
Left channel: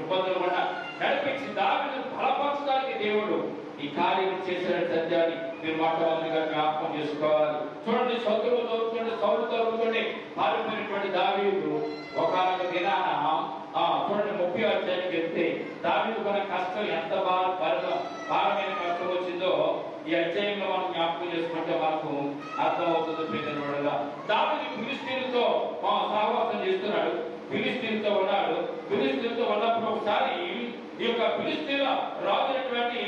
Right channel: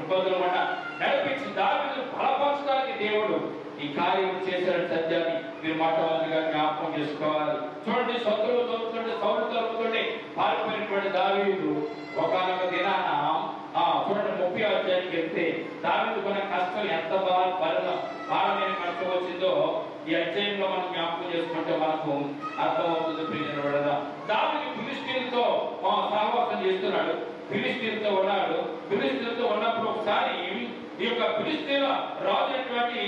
ఇబ్బందులు కూడా నడిపించి దావీదును బలపరచడానికి దేవుడు ఈ కార్యం చేసిన సత్యాన్ని మీరు మొట్టమొదటిగా జ్ఞాపకం చేసుకోవాలి. చూడండి, శత్రువులు తోపుతుంటే, సౌలు తోపుతుంటే పారిపోయినటువంటి దావీదు ఒకనొక దినాన చూడండి 30వ అధ్యాయానికి వెళ్తే దావీదు మన కష్టం ఎంత భారమైన కష్టం వచ్చిందో ఈ అధ్యాయంలో మనం జ్ఞాపకం చేసుకుంటే మనకు అర్థమవుతుంది. ప్రియజనులారా, దావీదు ఫిలిష్తీయులతో సహవాసం చేస్తున్నాడు, ఫిలిష్తీయులతో ఉన్నాడు. ఫిలిష్తీయులతో ఉన్నప్పుడు ఒకసారి ఈ యొక్క ఫిలిష్తీయుల రాజు అయినటువంటి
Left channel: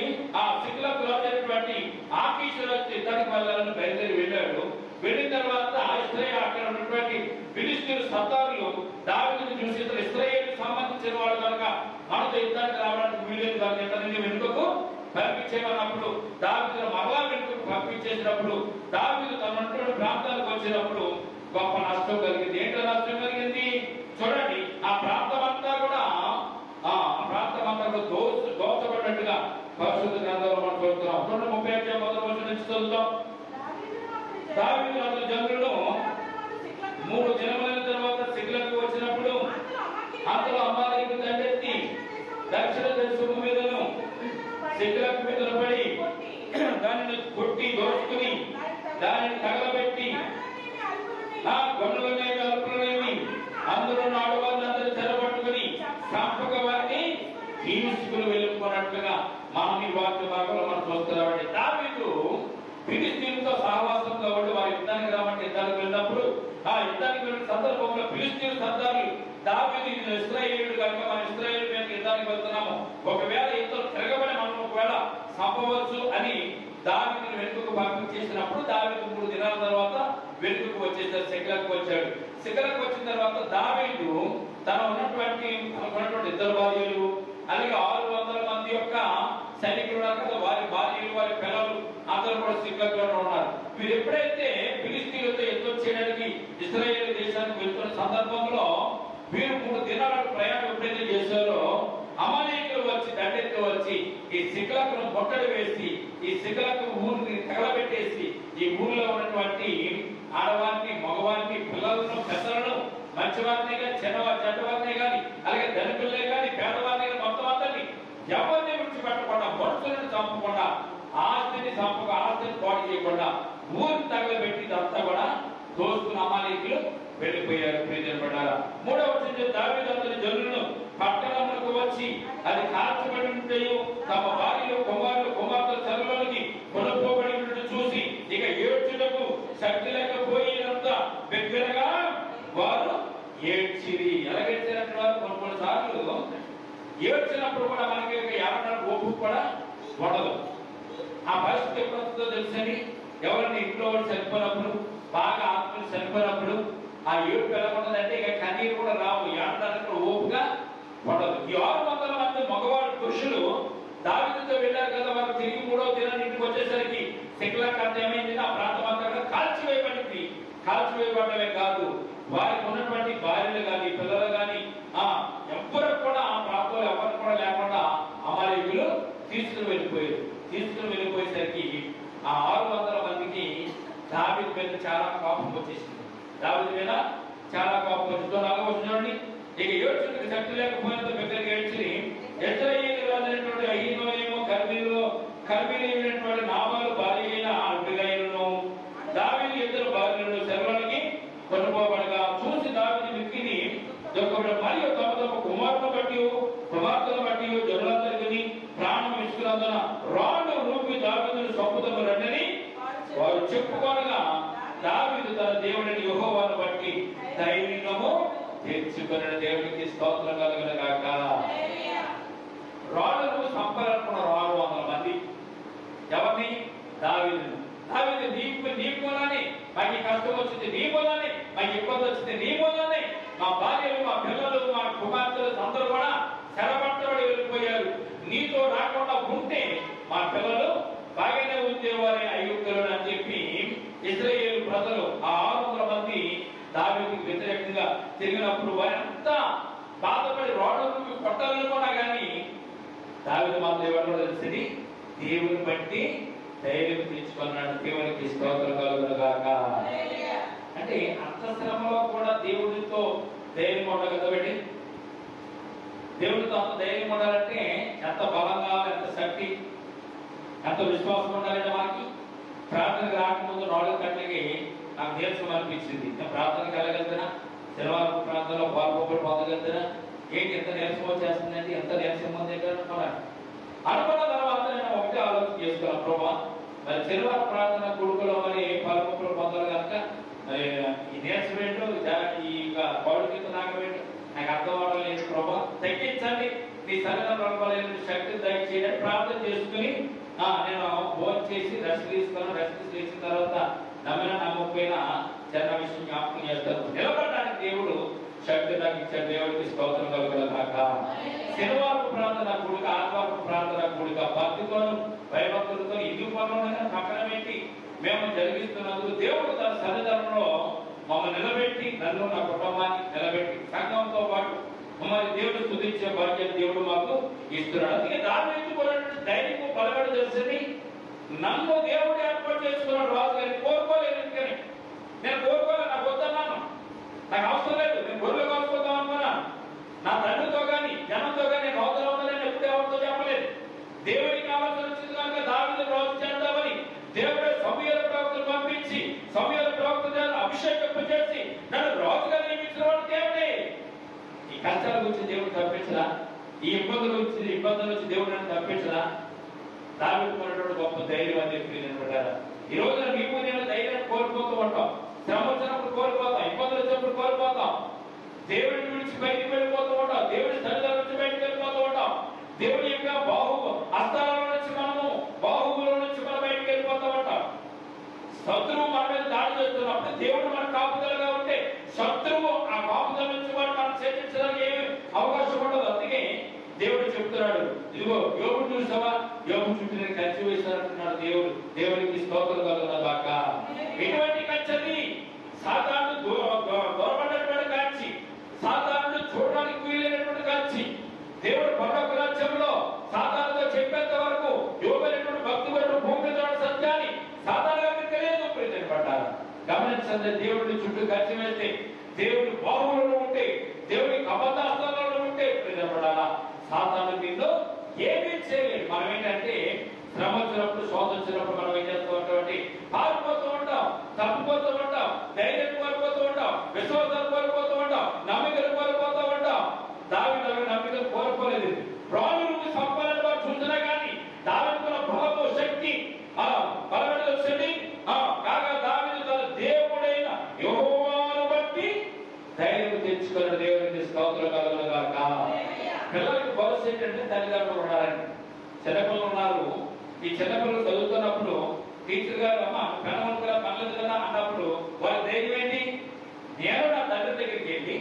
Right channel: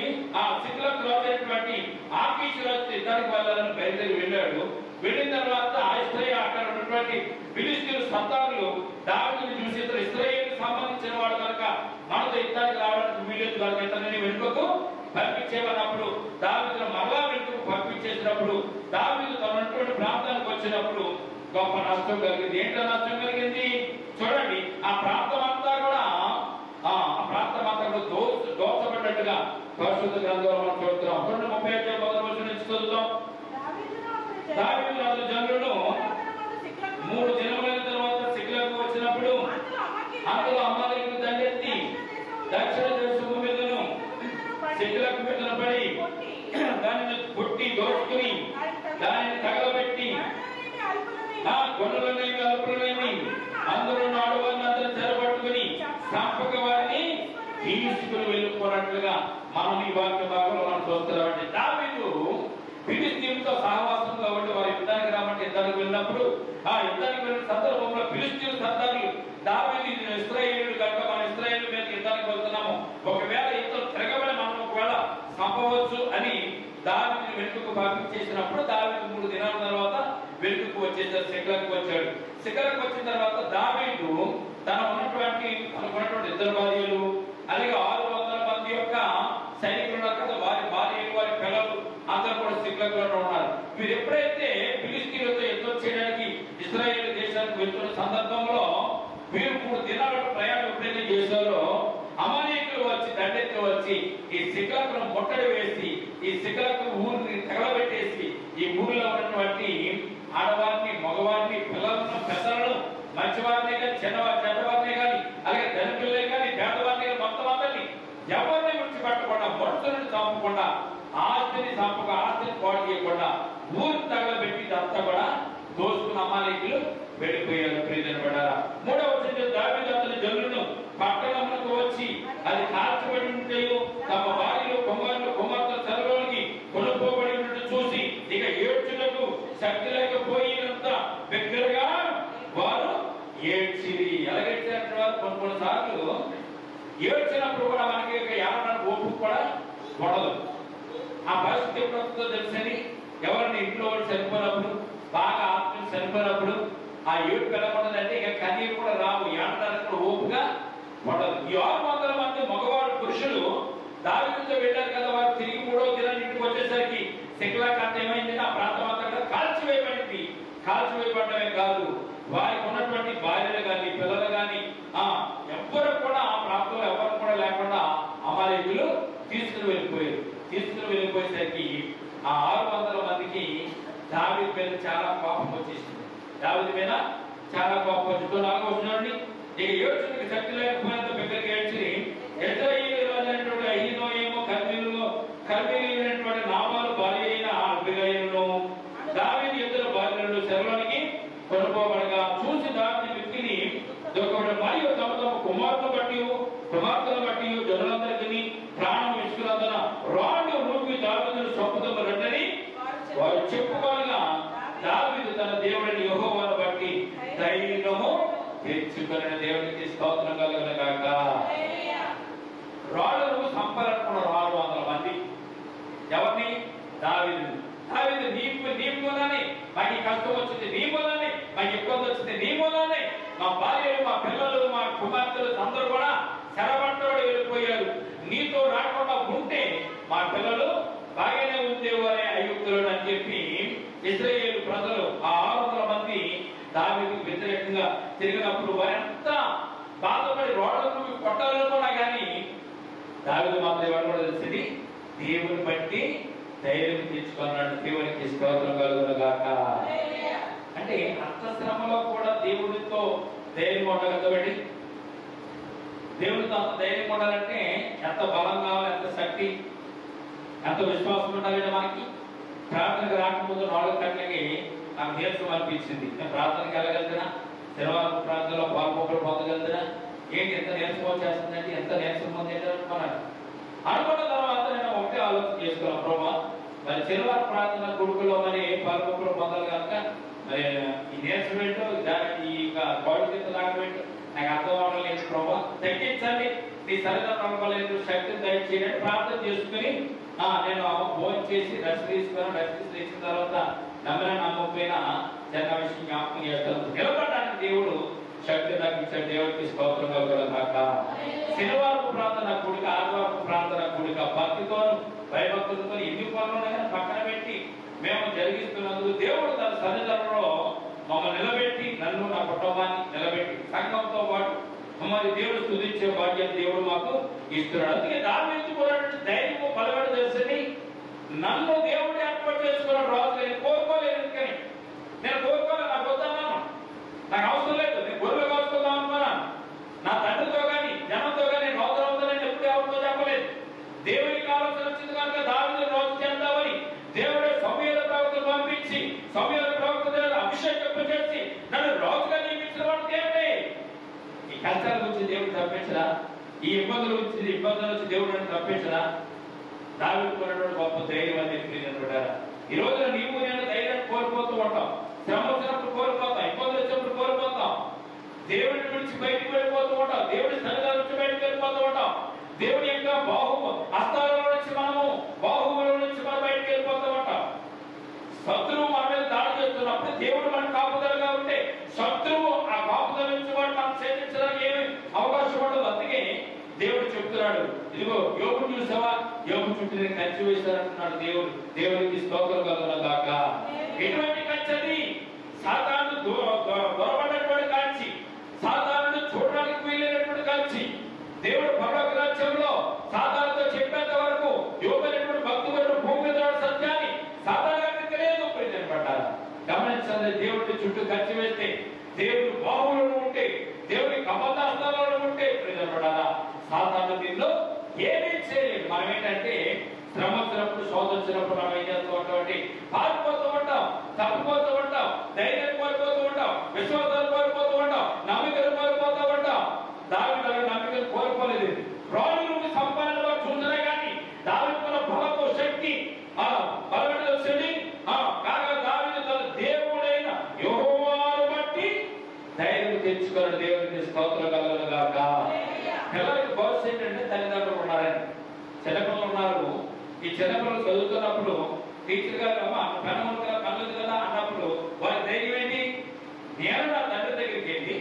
సిక్లగు రాజు అయినటువంటి ఆకీషు యుద్ధానికి వెళ్ళాలని బయలుదేరి వెళ్ళాడు. వెళ్ళిన తర్వాత అక్కడ ఉన్నటువంటి ఫిలిష్తీయుల సర్దారులు దావీదుని చూసి ఇతను ఇశ్రాయేలుకు సంబంధించిన వాడు కనుక మనతో యుద్ధానికి రావడానికి వీలేదు కనుక ఇతనిని వెనుకకు పంపించేమన్నప్పుడు దావీదును మరలా వెనుకకు పంపించేసినప్పుడు దావీదు తన ఉన్నటువంటి ప్రాంతానికి వచ్చినప్పుడు గొప్ప నష్టం కలిగింది. ఏంటో నష్టం కలిగింది? చూడండి, ఆ ప్రాంతం అంతా కూడా దోచబడ్డట్టుగా పరిశుద్ధ గ్రంథంలో మనం చూస్తున్నాం. 30 మొదటి వచనం నుంచి చదువుతాం. దావీదు అతని జనులను 3 దినములైన తర్వాత సిక్లగు వచ్చినప్పుడు అందులో అమాలేకీయులు దండెత్తి దక్షిణ దేశము మీదను సిక్లగు మీదను పడి దానిని కొట్టి దోచుకుని దానిని తగలబెట్టి గొడవలేమి అల్పులేమి అందరూ ఆడవారిని అందరూ సరిపట్టుకుని సంపక వారిని తీసుకుని వెళ్ళుకున్నట్లుగా మనం ఈ వాక్య భాగంలో మనం చూస్తున్నామండి. దావీదు ఫిలిష్తీయులతో సహవాసంగా ఉండి వారి యుద్ధానికి రామంటే యుద్ధానికి వెళ్ళినప్పుడు ఆ యుద్ధానికి వెళ్ళిన సందర్భంలో ఫిలిష్తీయుల సర్దారులు దావీదు ఇశ్రాయేలుడు కనుక మన ఇశ్రాయేలు మీద యుద్ధానికి వెళ్తున్నాము, ఒకవేళ యుద్ధం తిరగబడి మనం ఒకవేళ సంపవచ్చు అని దావీదుని వెనుకకు పంపించేసినప్పుడు దావీదు 3 దినాల తర్వాత వెనుకకు వచ్చేసారు, సిక్లగు వచ్చాడు. సిక్లగు వచ్చిన తర్వాత దావీదు తనకు ఉన్నటువంటి 2 భార్యలు అలాగే 600 మంది యొక్క సైనికులు ఉన్నారు కదా, వారి భార్యలు వారి పిల్లలు అందరూ కూడా సిక్లగులో ఉన్నారు. వీరు ఎప్పుడైతే ఫిలిష్తీయులతో యుద్ధం చేయడానికి ఇశ్రాయేలు దేశానికి వెళ్తున్న సందర్భంలో వీరు 3 దినాల ప్రయాణం ఎప్పుడైతే చేశారో అమాలేకీయులు వచ్చి దండెత్తి వచ్చి ఈ సిక్లగును ముట్టడి వేసి ఈ సిక్లగు ఊరిని తగలబెట్టేసి ఈ ఊరిలో ఉన్నటువంటి ఆడవారిని, మగవారిని, పిల్లలను, పెద్దలను, మంచివారినే కానీ చెడ్డవారినే కానీ అలాగే ధనికులే కానీ పేదవారిని కానీ మొత్తం అందరినీ ఎవరిని విడిచిపెట్టకుండా, మనుషులను చంపకుండా, ఆస్తిని పాడు చేయకుండా ఊరు తగలబెట్టి ఇదంతా కూడా దోసుకున్న అమాలేకులు వెళ్ళిపోయారు. ప్రియపడ్డారా, 3వ వచనం దావీదు అతని జనులను పట్టణములకు వచ్చి అది కాల్చబడి ఉంటాయో తమ భార్యలు కుమారులు కుమార్తెల చెరలోనికి కొనుక్కోబడి ఉన్నట్టు చూసి ఇక ఏడ్చుటకు శక్తి లేకపోయినంత బిగ్గరగా వారు ఏడ్చిరి. ఎలాగేడ్చారంటే కొన్ని సార్లు ఏడ్చినప్పుడు కూడా మనకి ఏమన్నా ఓపు కూడా ఉండదు. ఆ పరిస్థితి ఎప్పుడు వస్తుందో తెలుసండి, ఎవరిని ఇంట్లో వాళ్ళు చనిపోయినప్పుడు, బాగా ఆత్మలు చనిపోయినప్పుడు ఆ ఏడుపు ఎలా ఉండదంటే ఇక కన్నీరు కూడా రావు, ఏడడానికి కూడా ఓపుగా ఉండదు. ఈ 600 మంది మగవాడు పురుషులు దావీదుతో వెళ్ళారు కదా, వారు తిరిగి 3వ దినాన్ని ఇంటికి వచ్చేసరికి శిఖలాకాంత ఏమైంది, ఆ ప్రాంతం అంతా కాల్చివేయబడింది. కాల్చివేయబడమే కాదు, వారికి ఉన్నటువంటి భార్యలు కానీ పిల్లలు కానీ ఎవ్వరు కూడా ఆ ప్రాంతంలో ఎవరు కూడా లేకుండా అమాలేకులు తీసుకుని వెళ్ళిపోయారు. తీసుకుని వెళ్ళిపోయేసరికి ఆ 600 మందికి దావీదు మీద చాలా కోపం వచ్చేసింది. దావీదు మీద చాలా కోపం వచ్చిందో 4వ వచనండి, ఇక ఏడ్చుటకు శక్తి లేకపోయినంత బిగ్గరగా ఏడ్చి యెజ్రెయేలు రాజైనటువంటి అహీనోయము కర్మేలీయుడైనటువంటి నాబాలు భార్య అయిన అబీగయీలును దావీదు ఇద్దరు భార్యలను చెరలోనికి కొనుక్కోబడగా చూసి దావీదు మిక్కిలి దుఃఖపడి మరియు తమ తమ కుమార్తెలను బట్టి జనులందరికీ ప్రాణం విసుకులందున రాళ్ళు రూపి దావీదును చంపుదము రండని వారు చెప్పుకోగా దావీదు తన దేవుడిని యెహోవాను బట్టి ధైర్యము తెచ్చుకొని దేవుడికి స్తోత్రం కలుగును గాక. రాళ్ళను సంపరకున్న 600 మంది ఎవరిని? దావీదు. దావీదు నీ మూలానే మాకు కష్టం వచ్చింది, నీ మూలానే మాకు ఇబ్బంది వచ్చింది, నీ మూలానే మా భార్యలు మా పిల్లలు మా కుమార్తెలు అందరూ కూడా చెరబట్టబడి వెళ్ళిపోయారు. నీతో రాకుండా ఉంటే మా పిల్లలు బాగానే ఉండేవారే ఐగుప్తులు అని చెప్పి ఇశ్రాయేలు ప్రజలు ఆ 600 మంది దావీదుకు వ్యతిరేకంగా తిరిగినప్పుడు వారంతా బాధపడి రోడ్లకు కొట్టాలనుకున్నా కానీ దావీదు మాత్రం ఎవరు తెలిసింది, దేవుని బట్టి ధైర్యం తెచ్చుకున్నాడు. దేవునికి స్తోత్రం కలుగును గాక. అంటే అంతఃశ్రమలో కూడా దేవుడితో ధైర్యం ఉండాలి కదండి. దేవుడితో అంత ధైర్యం ఉండాలంటే ఎంత బలంగా, ఎంత శక్తి, ఎంత విశ్వాసం ఉండాలంటే మనకి. ప్రార్థనకు రాకముందు 4 గంటలకి నాకు నీరసం అనిపించింది. నేను ప్రార్థనకు వెళ్ళగలుగుతున్నా, శనివారం ప్రార్థనలో పాల్పొక్కలు పొందగలుగుతున్నా, ఏంటి ఎంత నీరసం వచ్చేస్తుందంటే, ఎంత నీరసం ఉంది అనుకున్నాను. అనుకున్న తర్వాత నేను ఒకటే ఆలోచన చేసుకున్నాను, ప్రభా మరి శనివారం ప్రార్థన కొడుకులో మరి పాల్పొక్కలు పొందాలి కనుక మరి ఈ నీరసం ఏంటో దానికి ఇక భవిష్యత్తు నాకబెట్టు నాకు అర్థం అవడం లేదు ప్రభా, తగ్గించండి, నీ సరిగ్గా నడపలేదు శక్తిని దయచేయని ప్రార్థన చేసుకుని నేను ఫోన్ చేసి రెస్ట్ తీసుకున్నాను. రెస్ట్ చేసిన తర్వాత నమ్మిన నమ్మకపోయినా చిన్న విషయం జ్ఞాపకం చేస్తాను. నిలబడడానికి దేవుడు శక్తి నాకు ఇచ్చాడు. దేవుడికి స్తోత్రం కలుగును గాక. శనివారం ప్రార్థన కూడిక, ఆదివారం ప్రార్థన కూడిక భక్తితోను భయభక్తులతో ఎన్ని పనులైనా పక్కన పెట్టి మేము జరిగిస్తున్నందుకు దేవుడు తన సన్నిధానంలో మమ్మల్ని నిలబెట్టి, నన్ను నా కుటుంబాన్ని నిలబెట్టి సంఘంతో పాటు మరి దేవుడు స్తుతించే భాగ్యం దేవుడు మాకు ఇస్తున్నాడు. అందుకే దావీదుకున్నటువంటి ధైర్యము బలపడి తెలిసింది, నన్ను దేవుడు ఏర్పాటు చేసుకున్నాడు రాజు. నేను కోరుకోలేదు, ఎందుకని నేను కోరుకోలేదు, నాకు వద్దన్నాను, నాకు అవసరం లేదు, నేను గొర్రెలు కాసుకుందాం అనుకున్నాను. నా తండ్రితో కానీ జనంతో కానీ రాజు అవుతానని ఎప్పుడు ఎవరితో చెప్పలేదు. దేవునికి ఆలోచన వచ్చింది కనుక దావీదు రాజు చేద్దామని దేవుడే సమూయేలు ప్రవక్తను పంపించి సమూయేలు ప్రవక్త ద్వారా అభిషేకం చేసి నన్ను రాజుగా నియమించిన వాడు దేవుడే. ఈ కష్టాల గురించి దేవుడు తప్పించరా? ఈ ఇబ్బందుల నుంచి దేవుడు నన్ను తప్పించరా? దావీదుకున్నటువంటి గొప్ప ధైర్యం అని చెప్పి ఈ రోజున నీవు నేను ధైర్యాన్ని కోల్పోతూ ఉంటాం. శ్రమ వచ్చినప్పుడు కోల్పోతాం, ఇబ్బందులు వచ్చినప్పుడు కోల్పోతాం, దేవుడిని విడిచి బయటికి వెళ్ళిపోతూ ఉంటాం, దేవుడి సన్నిధానం నుంచి బయటకు వెళ్ళిపోతూ ఉంటాం, దేవుడి యొక్క హస్తాల నుంచి బాహువుల నుంచి మనం బయటకు వెళ్ళిపోతూ ఉంటాం. శత్రువు మన మీద దాడి చేస్తున్నప్పుడు దేవుడు మన కాపుదలుగా ఉంటే శత్రువు ఆ కాపుదల నుంచి వాడు మనం చేయించడానికి ఏమి అవకాశం ఉండదు. అందుకే దేవుడు చెప్తున్నాడు, ఇదిగో యోగు చూసావా, యోగు చుట్టూ నేను కంచి వేశానంటున్నాడు దేవుడు. దేవుడికి స్తోత్రం కలుగును గాక. ఎటువంటి కంచెది? సాతాను దూరపడినటువంటి కంచి, సాతాను చూడడానికి వీలైనటువంటి కంచి. దేవుడు పరలోక రాజ్యంలో సాతానుతో చెప్పేంత వరకు యోగైనటువంటి భక్తుడు భూమి మీద సత్యాన్ని సాతానుగా తెలియదు. పడ్డారు గమనించండి, దేవుడి చుట్టూ కంచి వేస్తే, దేవుడు బాహువులు ఉంటే, దేవుడి కపదాస్తాలలో ఉంటే పడాలా సాతాను దీనిలో ఏమీ చేయలేదు. మనం ఏంటంటే శ్రమ వచ్చినప్పుడు, శోధ వచ్చినప్పుడు మనం ఏం చేస్తూ ఉంటాం? పారిపోతూ ఉంటాం, తప్పిపోతూ ఉంటాం, ధైర్యం కోల్పోతూ ఉంటాం, విశ్వాసాలు కోల్పోతూ ఉంటాం, నమ్మికలు కోల్పోతూ ఉంటాం. దావీదు నమ్మికలు కోల్పోలేదు. రాజు నుండి సంపాదనగా చూసినా కానీ దావీదులో బలము, శక్తి, బలమైన శక్తి కాగా దావీదు తన దేవుడైన యెహోవాను బట్టి ధైర్యం తెచ్చుకున్నాడు. దేవునికి స్తోత్రం కలుగును గాక. పిల్లలకి భవిష్యత్తు ఏంటంటే తల్లిదండ్రులు ఉన్నారని. చిన్నపిల్లలు ఉన్నారు. ఈ చిన్నపిల్లలు చదువుతున్నప్పుడు టీచర్ గారు అమ్మ పెనవలకరా పనులు కదా అన్నప్పుడు వారి ధైర్యం ఏంటి? నేను నా తండ్రి దగ్గరికి వెళ్ళి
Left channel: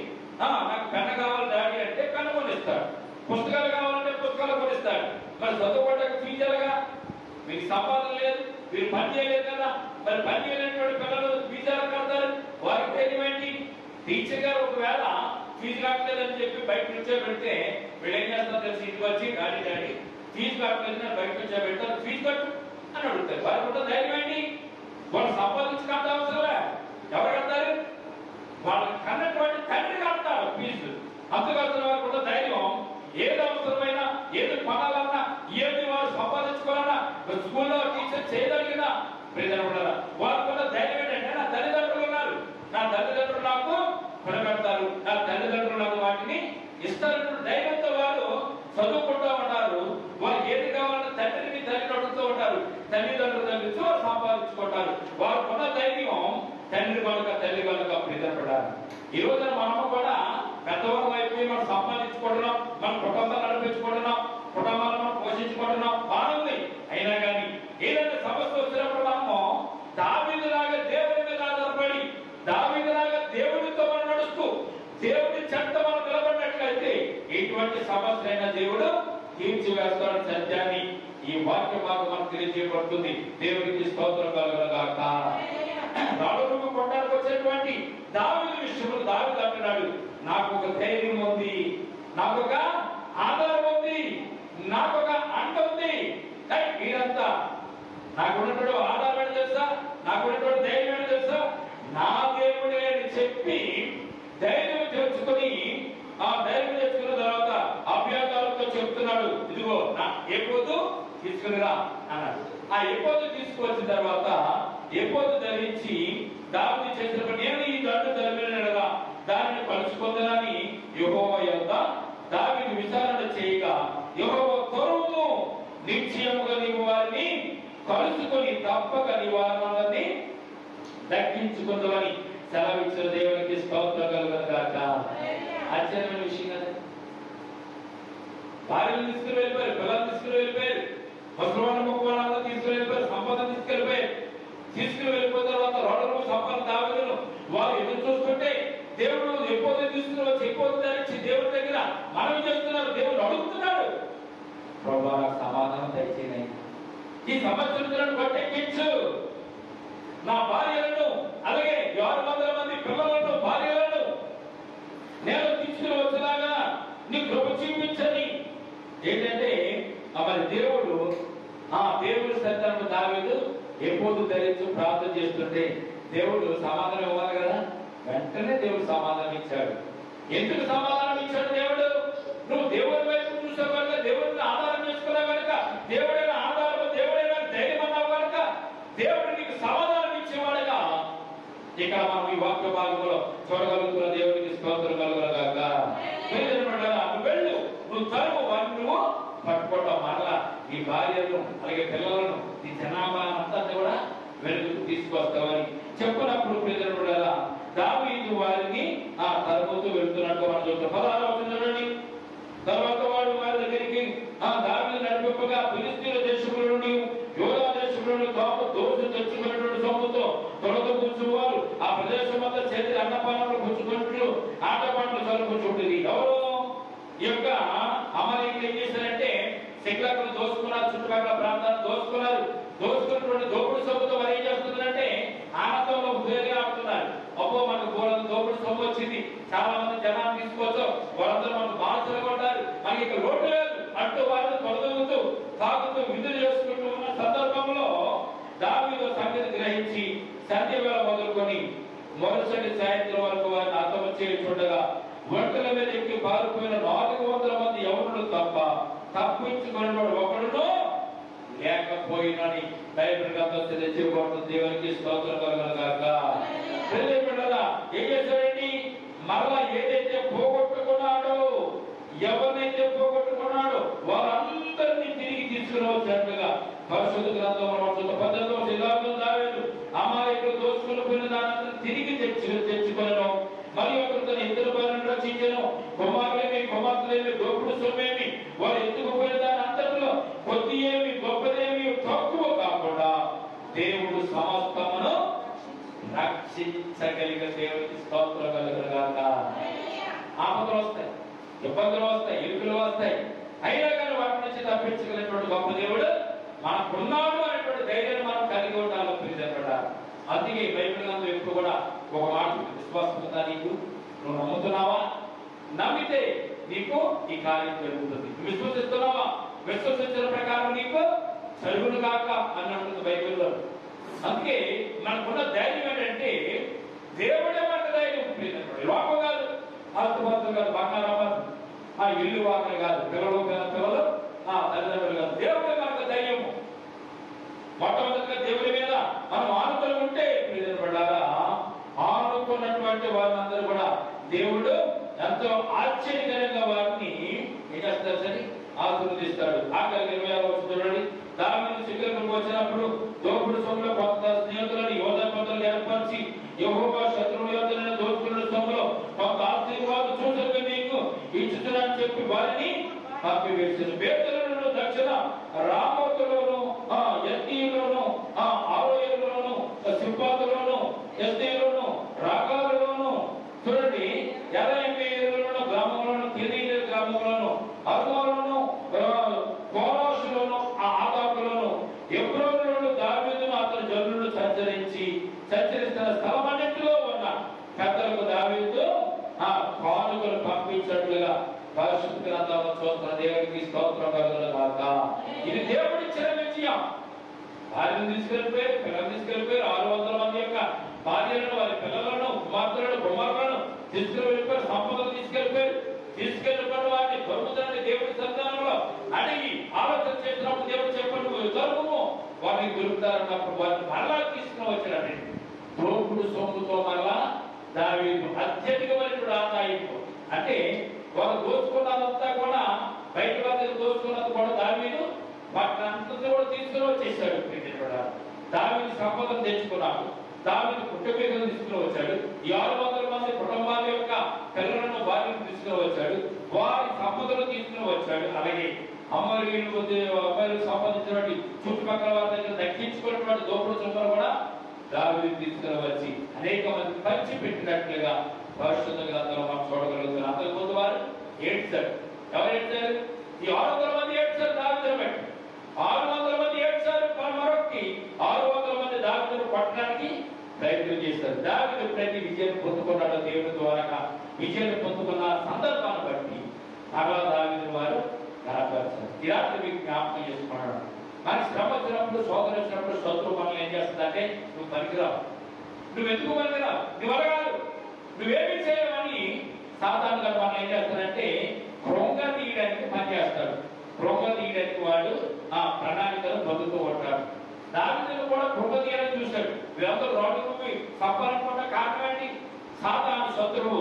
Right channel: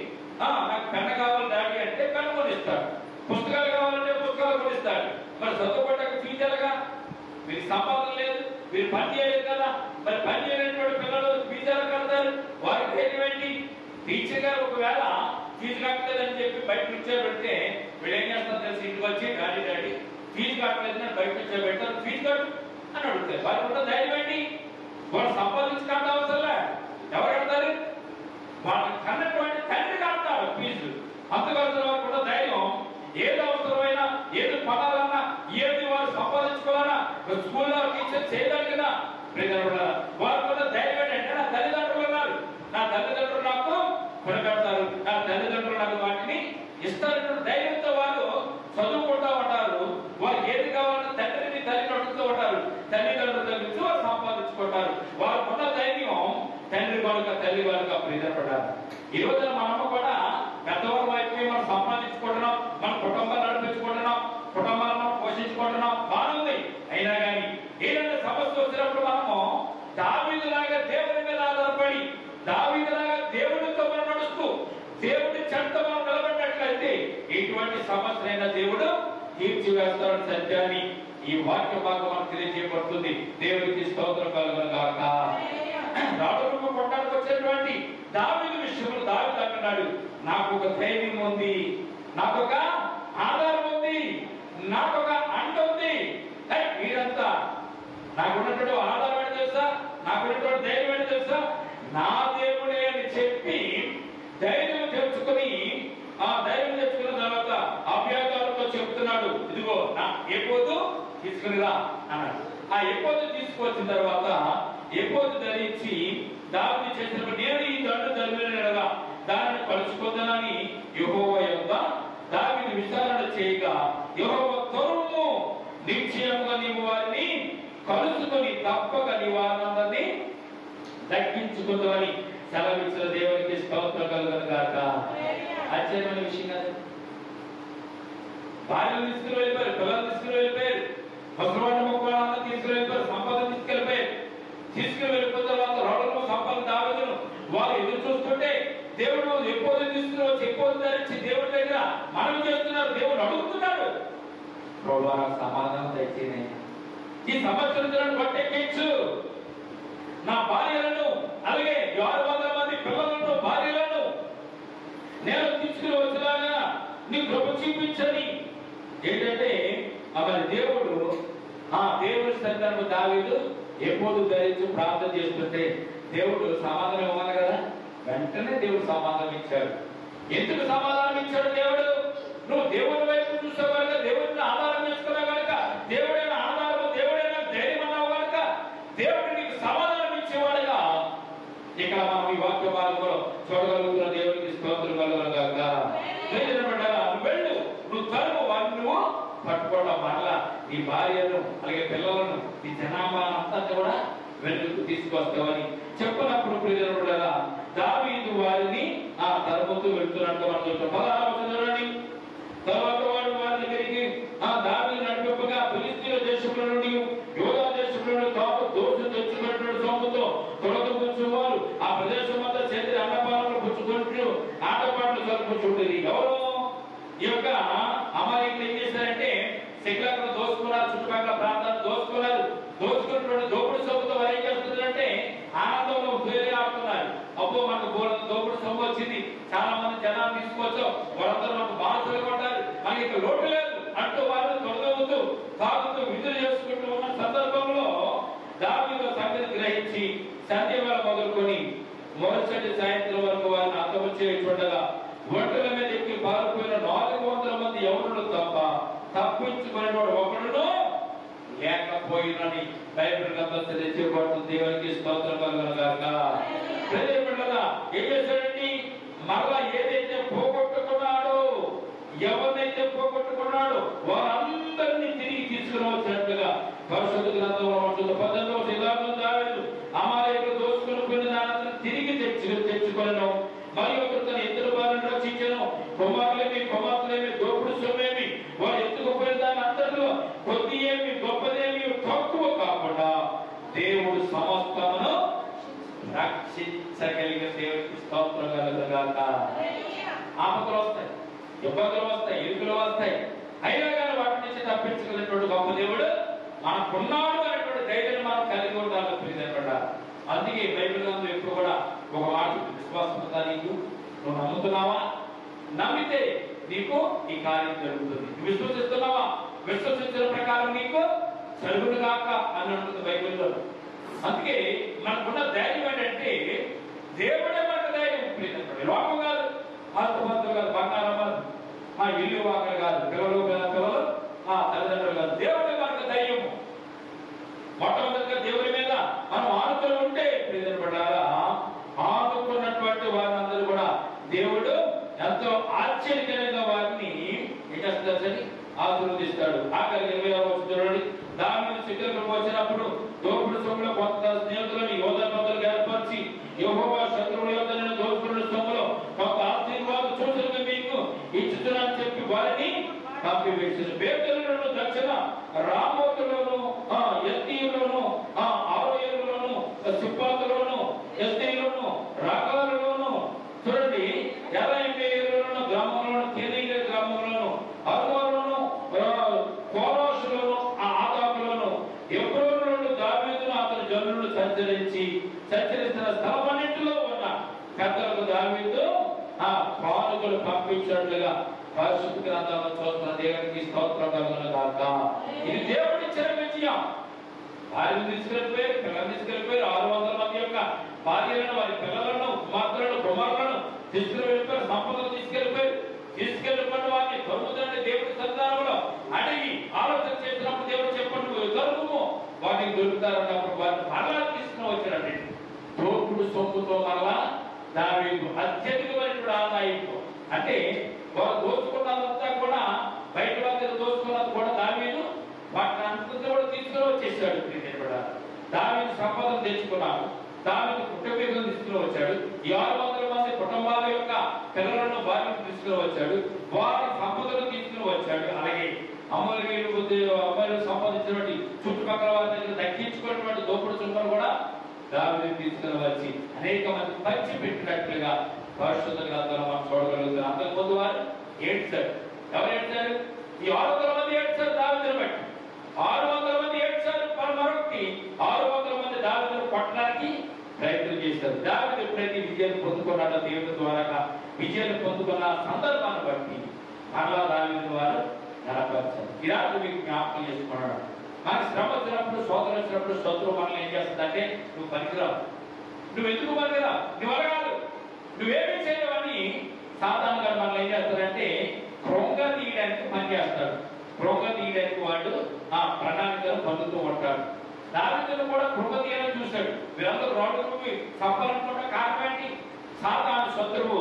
నాకు పెన్న కావాలి డాడీ అంటే పెన్ను కొనిస్తాడు, పుస్తకాలు కావాలంటే పుస్తకాలు కొనిస్తాడు. మరి చదువుకోవడానికి ఫీజులుగా మీకు సంపాదన లేదు, మీరు పని చేయలేదు కదా, మరి పని చేయలేనటువంటి పిల్లలు ఫీజులు కడతారు. వారికి ధైర్యం ఏంటి? టీచర్ గారు ఒకవేళ ఫీజు కట్టలేదని చెప్పి బయట కూర్చోబెడితే వీళ్ళు ఏం చేస్తారు తెలిసి ఇంటికి వచ్చి డాడీ డాడీ ఫీజు కట్టలేదని బయట కూర్చోబెడతారు, ఫీజు కట్టు అని అడుగుతారు. వారికి ఉన్న ధైర్యం ఏంటి? వాళ్ళు సంపాదించి కట్ట అవసరంలే. ఎవరు కడతారు? వాళ్ళకి కన్నటువంటి తండ్రి కడతారు ఫీజు. అందుకని వారికి ఉన్న ధైర్యం ఏది అవసరమైనా, ఏది పడాలన్నా, ఏది వారు సంపాదించుకోవాలన్నా స్కూల్లో టీచర్ చేయగలిగినా వారికి ఉన్న ధైర్యం ఏంటంటే నా తల్లిదండ్రులు ఉన్నారు, నా తల్లిదండ్రులు నాకు కొనబెడతారు, నా తల్లిదండ్రులు నాకు వాటిని ఇస్తారు. ధైర్యంతో వారు చదువుకుంటూ ఉంటారు. వారికి ఏది కావాలన్నా తండ్రిని తల్లిని అడుగుతూ ఉంటారు. తల్లిదండ్రుల దగ్గర వారు సంపాదించుకుంటారు. వారికి ఉన్న ధైర్యం తండ్రి కనుక తల్లి కనుక ప్రీతపడాలి. ఈ రోజున మనము కూడా పెద్దవారు అయిపోయి మనం సంపాదించుకుంటున్నాం, మన కుటుంబాన్ని నడిపించుకుంటున్నాం, కుటుంబాలను పోషించుకుంటున్నాం, బాగుంది. అయినా కానీ ఏదైనా సమస్య వచ్చినప్పుడు మనము దావీదులాగా దేవుడి మీద ఆధారపడి, దావీదులాగా దేవుడితో మనం నడుస్తూ దేవుడి చెంత మనం నిలబడినట్లయితే ఎటువంటి సమస్యలైనా దేవుడు తీర్చివేస్తాడని సత్యాన్ని ఈ వాక్య భాగం మనకు తెలియజేయబడుతుంది. దేవుడికి స్తోత్రం కలుగును గాక. రాజు కొట్టడానికి వచ్చేటువంటి దావీదు విషయంలో దావీదు అంటున్నాడు, నాకు ఒక ధైర్యం ఉంది, నాకు ఒక ఆధారం ఉంది, నాకు ఒక అండ ఉంది. మీరంతా నాకు ఉన్నటువంటి ఆధారం ఏంటి తెలుసా, నాకు ఉన్నటువంటి ధైర్యం ఏంటి తెలుసా, నా దేవుడే అని చెప్పి ధైర్యం తెచ్చుకొని ఆ ధైర్యం తెచ్చుకున్న తర్వాత అభ్యాసాలతో చెప్తున్నాడు, ఇదిగో నా ఎపోదు తీసుకునిరా అన్నాడు. ఆ ఎపోదు తీసుకొచ్చిన తర్వాత ఎపోదు ధరించి దావీదు చేసినప్పుడు నేను ఈ దండు ధర్మేనగా దానిని కలుసుకుందానని యెహోవా యొద్ద దావీదు విచారణ చేయగా యెహోవా త్వరము నిశ్చయముగా నీవు వారిని కలుసుకొని తప్పక నీ వారందరినీ దక్కించుకుందామని సెలవిచ్చిన దేవునికి స్తోత్రం కలుగును గాక. ఆశ్చర్యమైన విషయం కదా. భార్యను తీసుకుని వెళ్ళిపోయారు, పిల్లలు తీసుకుని వెళ్ళిపోయారు, ముసలివాళ్ళ మొక్కలంతా తీసుకుని వెళ్ళిపోయారు, సంపాదన తీసుకెళ్ళిపోయారు. తీసుకుని వెళ్ళిపోయిన తర్వాత రోడ్డు సంపాదన దావీదును వారు ఎదురు చూస్తుంటే దేవుడు ఎప్పుడు తీసుకుని వచ్చి ఎప్పుడు ధరించి దేవుడి దగ్గర మనవి చేస్తున్నారు. దేవుడు అడుగుతున్నాడు, ప్రభువా సమాధానం దయచేయండి, ఈ సమస్యలను పట్టెక్కించు, నా భార్యలను అలాగే 600 మంది పిల్లలను భార్యలను నేను తీసుకుని వచ్చేలాగా నీ కృప చూపించని. ఏంటంటే మరి దేవుడు ఆ దేవుడి సంతానం దావీదు ఎప్పుడు ధరించి ప్రార్థన చేస్తుంటే దేవుడు సమాధానం ఇవ్వాలి కదా. వెంటనే దేవుడు సమాధానం ఇచ్చాడు. ఎందుకు సమాధానం ఇచ్చాడు దేవుడు? నువ్వు దేవుడి వైపు చూసావు కనుక, దేవుడిని ఆధారం చేసుకున్నావు కనుక, దేవుడైనా ఆధారము, దేవుడైనా ధైర్యం అన్నావు కనుక దేవుడు నీకు సమాధానం ఇచ్చేవాడుగా ఇక్కడ మనం ఈ వాక్య భాగంలో చూడగలుగుతున్న దేవుడికి స్తోత్రం కలుగునుగాక. నువ్వు వెళ్ళు, నువ్వు తరువు, వారిని నువ్వు పట్టుకోవడం మరలా ఈ భార్యను అలాగే పిల్లలను ఈ జనాభా అంతా కూడా వెలుగుకు తీసుకొస్తామని చెప్పినప్పుడు ప్రియజనుడు దావీదు వారిని ఆ తరుముతూ వెళ్తున్నట్టు మనం చూస్తాం. 16వ చూడండి. తర్వాత వాడు వారి దగ్గరికి ఆ దావీదు నడిపింపగా ఫిలిష్తీయుల దేశంలో నుండి యూదా దేశంలో నుండి దోషం తెచ్చుకున్నటువంటి సొమ్ముతో తొలగ కూర్చువారు ఆ ప్రదేశం అంతా చేతి అన్నపానాలు పుచ్చుకుంటూ ఆటపాటలు చదువుకుంటుండేది. ఎవరు? ఈ యొక్క అమరేకులు ఏం చేశారంటే శిఖరాలను దోసుకున్నారు, చుట్టుపక్కల ప్రాంతాలను దోసుకున్నారు. దోచుకున్నటువంటి దోపుడు సొమ్ముతో వారు ఏం చేస్తున్నారంటే ఆనందంలో వేరే ఆడుతున్నారు. అబ్బో మనకు బోళ్ళ దోపుడు సొమ్ము వచ్చింది, చాలా మంది జనాన్ని తీసుకొచ్చాం, వాళ్ళందరూ మనకు బానిసలు కొట్టారు, మనకి ఇక్కడ లోటు లేదు అంటూ వాళ్ళు తొలగవుతూ తాగుతూ విధులు చేసుకుంటూ ఉన్న సందర్భంలో దావీదు సంగతి గ్రహించి సంధ్య వేళ మొదలుకొని మరుసటి సాయంత్రం వరకు వారిని అంతము చేయుచుండగా ఒంటల మీద ఎక్కి పారిపోయిన 400 మంది యవనులు తప్ప తప్పించుకునేవాడు ఒకడును లేకపోయాడు. లేకపోయినని బైబిల్ గ్రంథం తెలియజేయబడుతుంది. దేవునికి స్తోత్రం కలుగునుగాక. ఏం చేశాడండి? మరలా ఏదైతే పోగొట్టుకున్నాడో, ఎవరినైతే పోగొట్టుకున్నాడో వారందరినీ తిరిగి తీసుకుని వచ్చినట్టుగా పరిశుద్ధ గ్రంథంలో దావీదు అమాలేకులు దోచుకుని పోయిన దాన్ని తిరిగి తెచ్చుకోను. మరియు ఒకరు తన ఇద్దరు భార్యను రక్షించను. కుమార్తెలేమి దోపుడు సొమ్మేమి వారు ఎత్తుకుపోయిన దాని అంతటిలో కొద్ది ఏమి గొప్పదేమి తక్కువ కాకుండా దేవుడు సమస్తమును రక్షించగలిగిన దేవుడికి స్తోత్రం కలుగునుగాక. ఆపదలు వస్తాయి, ఇబ్బందులు వస్తాయి, ఇరుకులు వస్తాయి, అయినా కానీ వాటి నుంచి తప్పించగలిగినటువంటి గొప్ప దేవుడు మనకున్నాడు అనేటువంటి ధైర్యాన్ని మనం కలిగి ఉండాలని ప్రియపడ్డ. అందుకే బైబిల్ గ్రంథం ఎప్పుడు కూడా ఒక మాట, విశ్వాసం ఉందా నీకు? నువ్వు నమ్ముతున్నావా? నమ్మితే నీకు ఈ కార్యం జరుగుతుంది. విశ్వసిస్తున్నావా? విశ్వసించిన ప్రకారం నీకు జరుగును కాక అన్నట్టు బైబిల్లో. అందుకే మనకున్న ధైర్యం ఏంటంటే దేవుడే మన ధైర్యం. లోకం కాదు, ఆస్తుపాస్తులు కాదు, బంగారం, ఆ ఇల్లు వాకలు కాదు, పిల్లలు తల్లిదండ్రులు కాదు, దేవుడే మనకు ధైర్యము. మొట్టమొదటిగా దేవుడి మీద మనం ఆనుకుని ఉంటే ప్రియపడ్డారా, ఆనుకున్నటువంటి వారందరూ కూడా దేవుడు ఎంతో ఆశ్చర్యకరంగా వారిని ఏం చేస్తారు సరే ఆశీర్వదిస్తాడు. ఆఖరికి చూడండి, దావీదు శిఖరం వచ్చినప్పుడు దోపుడు సొమ్ములో కొంత స్నేహితులను యోధపతులు ఏర్పరిచి యెహోవా శత్రువుల యొద్ద దోచుకున్న సొమ్ములో కొంత ఆశీర్వాదం చూసుకుని మీకు ఇచ్చుతున్నానని చెప్పి వారిని పంపివేసిన. బేతేలులోను, దక్షిణ రామోతులోను, ఎస్తీలోను, ఆరోయలోను, సిబ్బాతులోను, ఎస్తీలోను, రాగాలలోను, చూడండి 87 గ్రామంలోను, కెరీర గ్రామంలోను, అర్మలోను, కోరోషులోను, ఆదాపులోను, ఎబ్రోనులోను దావీదును అతని జనులను సంచరిస్తున్న స్థలమన్నింటిలో ఉన్న పెద్దలకు దావీదు కానుకలు పంపించినట్లుగా పరిశుద్ధ గ్రంథంలో చూస్తున్న దేవునికి స్తోత్రం కలుగునుగాక. ఇది దేవుడిచ్చిన విజయం. భార్యను తీసుకెళ్లిపోయారు, పిల్లలు తీసుకెళ్లిపోయారు. 600 మంది యొక్క భార్యలను, వారి పిల్లలను, కుమారులను తీసుకుని వెళ్ళిపోయారు. సంపదలు తీసుకెళ్లిపోయారు. తీసుకెళ్లిపోయిన వారిని దొరుకుతుందని దేవుడి సంతానంలో అడిగి ఆలోచన చేసినప్పుడు దేవుడు చెప్పండి దొరుకుము, వాటికి దొరుకుతారన్నప్పుడు వారిని మరలా తీసుకుని వచ్చారండి. దోపుడు సొమ్ముతో మరలా దావీదు అత్యధికమైనటువంటి ఆదాయంతో, అంటే వారు దోచుకున్నదంతా కూడా బయట వారి దోచుకున్నది కూడా దావీదు వాటిని అంతా కూడా తీసుకుని వచ్చేసాడు. దావీదు సంపదను తెచ్చుకున్నాడు. దావీదు కుటుంబీకులను తీసుకుని వచ్చాడు. 600 మంది కుటుంబాల యొక్క పిల్లలను, భార్యను తీసుకుని వచ్చాడు. వారి సంపదను తీసుకుని వచ్చాడు. అలాగే అమ్మాయిలు సంపాదించినటువంటి చుట్టుపక్కల వారి దగ్గర దక్కించుకున్నటువంటి దోపుడు సొమ్మును కూడా దావీదు తీసుకుని వచ్చి అనేక మంది పంచి పెట్టినట్లుగా పరిశుద్ధ గ్రంథంలో మనం చూడగలుగుతాం. అంతకుముందు వారు ఏడ్చారు. ఎవరు ఏడ్చారు? ఈ 600 మంది ఏడ్చారు దావీదును బట్టి. 600 మంది ఏడ్చారు. మరొకటి 600 మంది దావీదును కొట్టడానికి ప్రయత్నం చేశారు. దావీదు ఎప్పుడైతే విజయం పొందుకున్నాడో దేవుడి ద్వారా విజయం పొందుకున్న సందర్భాన్ని బట్టి అలా దావీదు వారు గణపరిచారు. ఈ రాత్రి మీకు జ్ఞాపకం చేసుకున్నాడు. మనకి శ్రమ వచ్చినప్పుడు, శోధన వచ్చినప్పుడు శత్రువు మనల్ని ఏం చేస్తుందంటే నువ్వు పనికిరావు, నువ్వు ఎందుకు పనికిరావు, నువ్వు అలగాదు, నువ్వేమీ చేయవని సాధారణంగా మనం ఏం చేస్తాడంటే కృంగ తీయడానికి పనిచేస్తాడు. కృంగ తీయడానికి వాడు ఆ ప్రణాళికను పొందుతూ ఉంటాడు. దావీదును కూడా కృంగ తీయాలని చూశాడు. వీరందరూ రోడ్డు సంపాలనుకున్న కారణం ఏంటి? సాతాను శత్రువు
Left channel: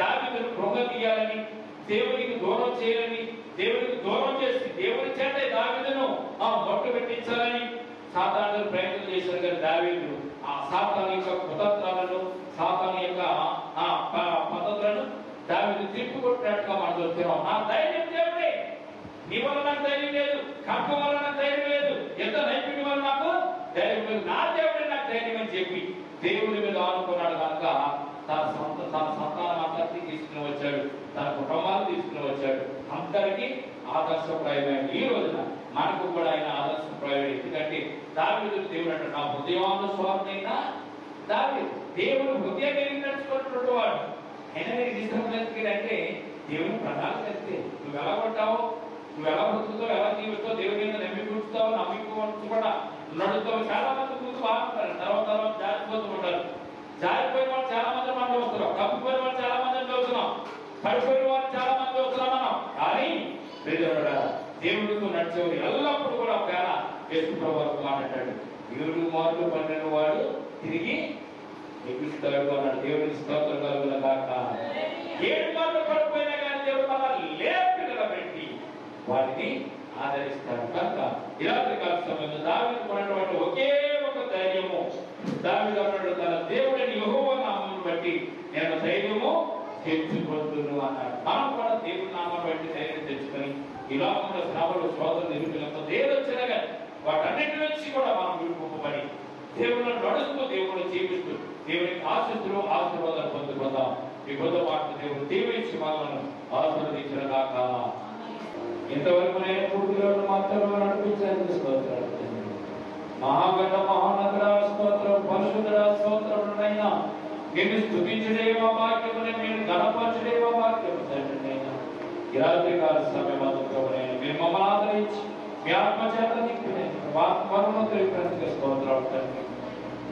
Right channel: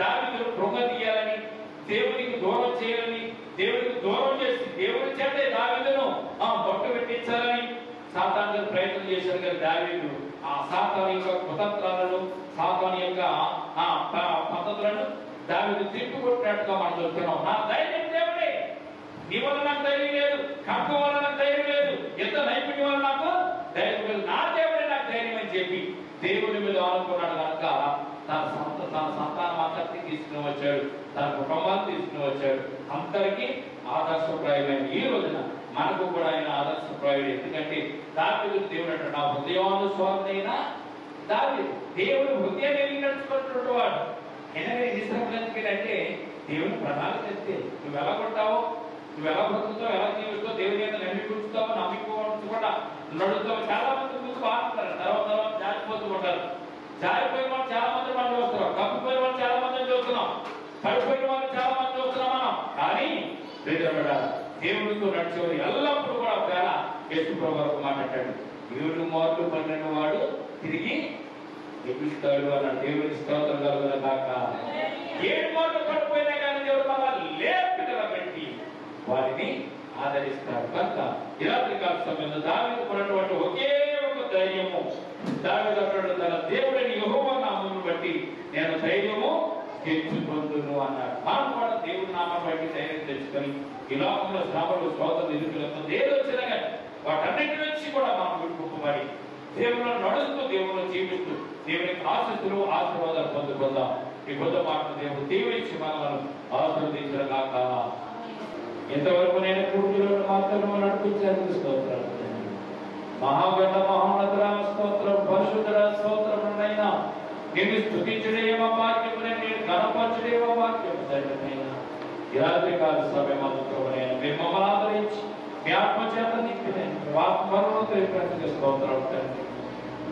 దావీదును కృంగ తీయాలని, దేవుడికి దూరం చేయాలని, దేవుడికి దూరం చేసి దేవుడి చేతే దావీదును మొట్ట పెట్టించాలని సాతాను ప్రయత్నం చేశారు. కానీ దావీదు ఆ సాతాను యొక్క కుతంత్రాలను, సాతాను యొక్క పద్ధతులను దావీదు తిప్పికొట్టినట్టుగా మనం చూస్తున్నాం. నా ధైర్యం దేవుడే, నీ వల్ల నాకు ధైర్యం లేదు, కప్పం వల్ల నాకు ధైర్యం లేదు, ఎంత నైపుణ్యం వల్ల నాకు ధైర్యం లేదు, నా దేవుడే నాకు ధైర్యం అని చెప్పి దేవుడి మీద ఆనుకున్నాడు. కనుక తన సంతానం అంతటినీ తీసుకుని వచ్చాడు, తన కుటుంబాన్ని తీసుకుని వచ్చాడు. అందరికీ ఆదర్శప్రాయమైన ఈ రోజున మనకు కూడా ఆయన ఆదర్శప్రాయుడు. ఎందుకంటే దావీదు దేవుడు అంటే నా హృదయానుస్వారైన దావీదు, దేవుడు హృదయం కలిగి నడుచుకున్నటువంటి వాడు. అయినా అంటే దేవుని ప్రణాళిక చేస్తే నువ్వు ఎలా ఉంటావు, నువ్వు ఎలా బ్రతుకుతావు, ఎలా జీవిస్తావు, దేవుని మీద నమ్మికుంటావు, నమ్మించుకుంటా నడుస్తావు. చాలా మంది ముందు బాగుంటారు, తర్వాత జారిపోతూ ఉంటారు. జారిపోయిన వాళ్ళు చాలా మంది మనం చూస్తున్నాం, కప్పిపోయిన వాళ్ళు చాలా మంది చూస్తున్నాం, పడిపోయిన వాళ్ళు చాలా మంది చూస్తున్నాం మనం. కానీ దేవుడితో నడిచేవారు ఎల్లప్పుడూ కూడా ఒకవేళ యేసుప్రభు వరకు మాట్లాడాడు, 7 మార్లు పడిన వాడు తిరిగి ఎగుస్తాడు అన్న దేవుని స్తోత్రం కలుగును గాక. 7 మార్లు పడిపోయినా కానీ దేవుడు మమ్మల్ని లేపి నిలబెట్టి వాటిని ఆదరిస్తాడు. కనుక ఈ రాత్రి కాల సమయంలో దావీదుకు ఉన్నటువంటి ఒకే ఒక ధైర్యము, దావీదు అన్నాడు, తన దేవుడిని యెహోవా నామమును బట్టి నేను ధైర్యము తెచ్చుకొందును అన్నాడు. మనం కూడా దేవుడి నామాన్ని బట్టి ధైర్యం తెచ్చుకొని ఈ లోకంలో శ్రమలు, శోధనలు, ఇరుకులతో దేవుడు వచ్చినా కానీ వాటన్నిటి నుంచి కూడా మనం విడిపోమని దేవుడు నడుస్తూ, దేవుడు జీవిస్తూ దేవునికి ఆశిస్తులు, ఆశీర్వాదాలు పొందుకుందాం. ఈ కొత్త మాటలు దేవుడు దీవించి మనలను ఆశీర్వదించిన గాక. ఇంతవరకు నేను పూర్తిలో మాత్రమే నడిపించాను. స్తోత్రాలు. మహాగణ మహానదుల స్తోత్రం, పరిశుద్ధ స్తోత్రమునైనా నిన్ను స్తుతించుడేమో వాక్యమునే, నేను గణపరచుడేమో వాక్యము తండ్రినైనా. ఈ రాత్రి కాల సమయమందు ప్రభువైన మీరు మమ్మల్ని ఆదరించి మీ ఆత్మచేత నింపిన ఆత్మను తెలిపినందుకు స్తోత్రాలు తండ్రి.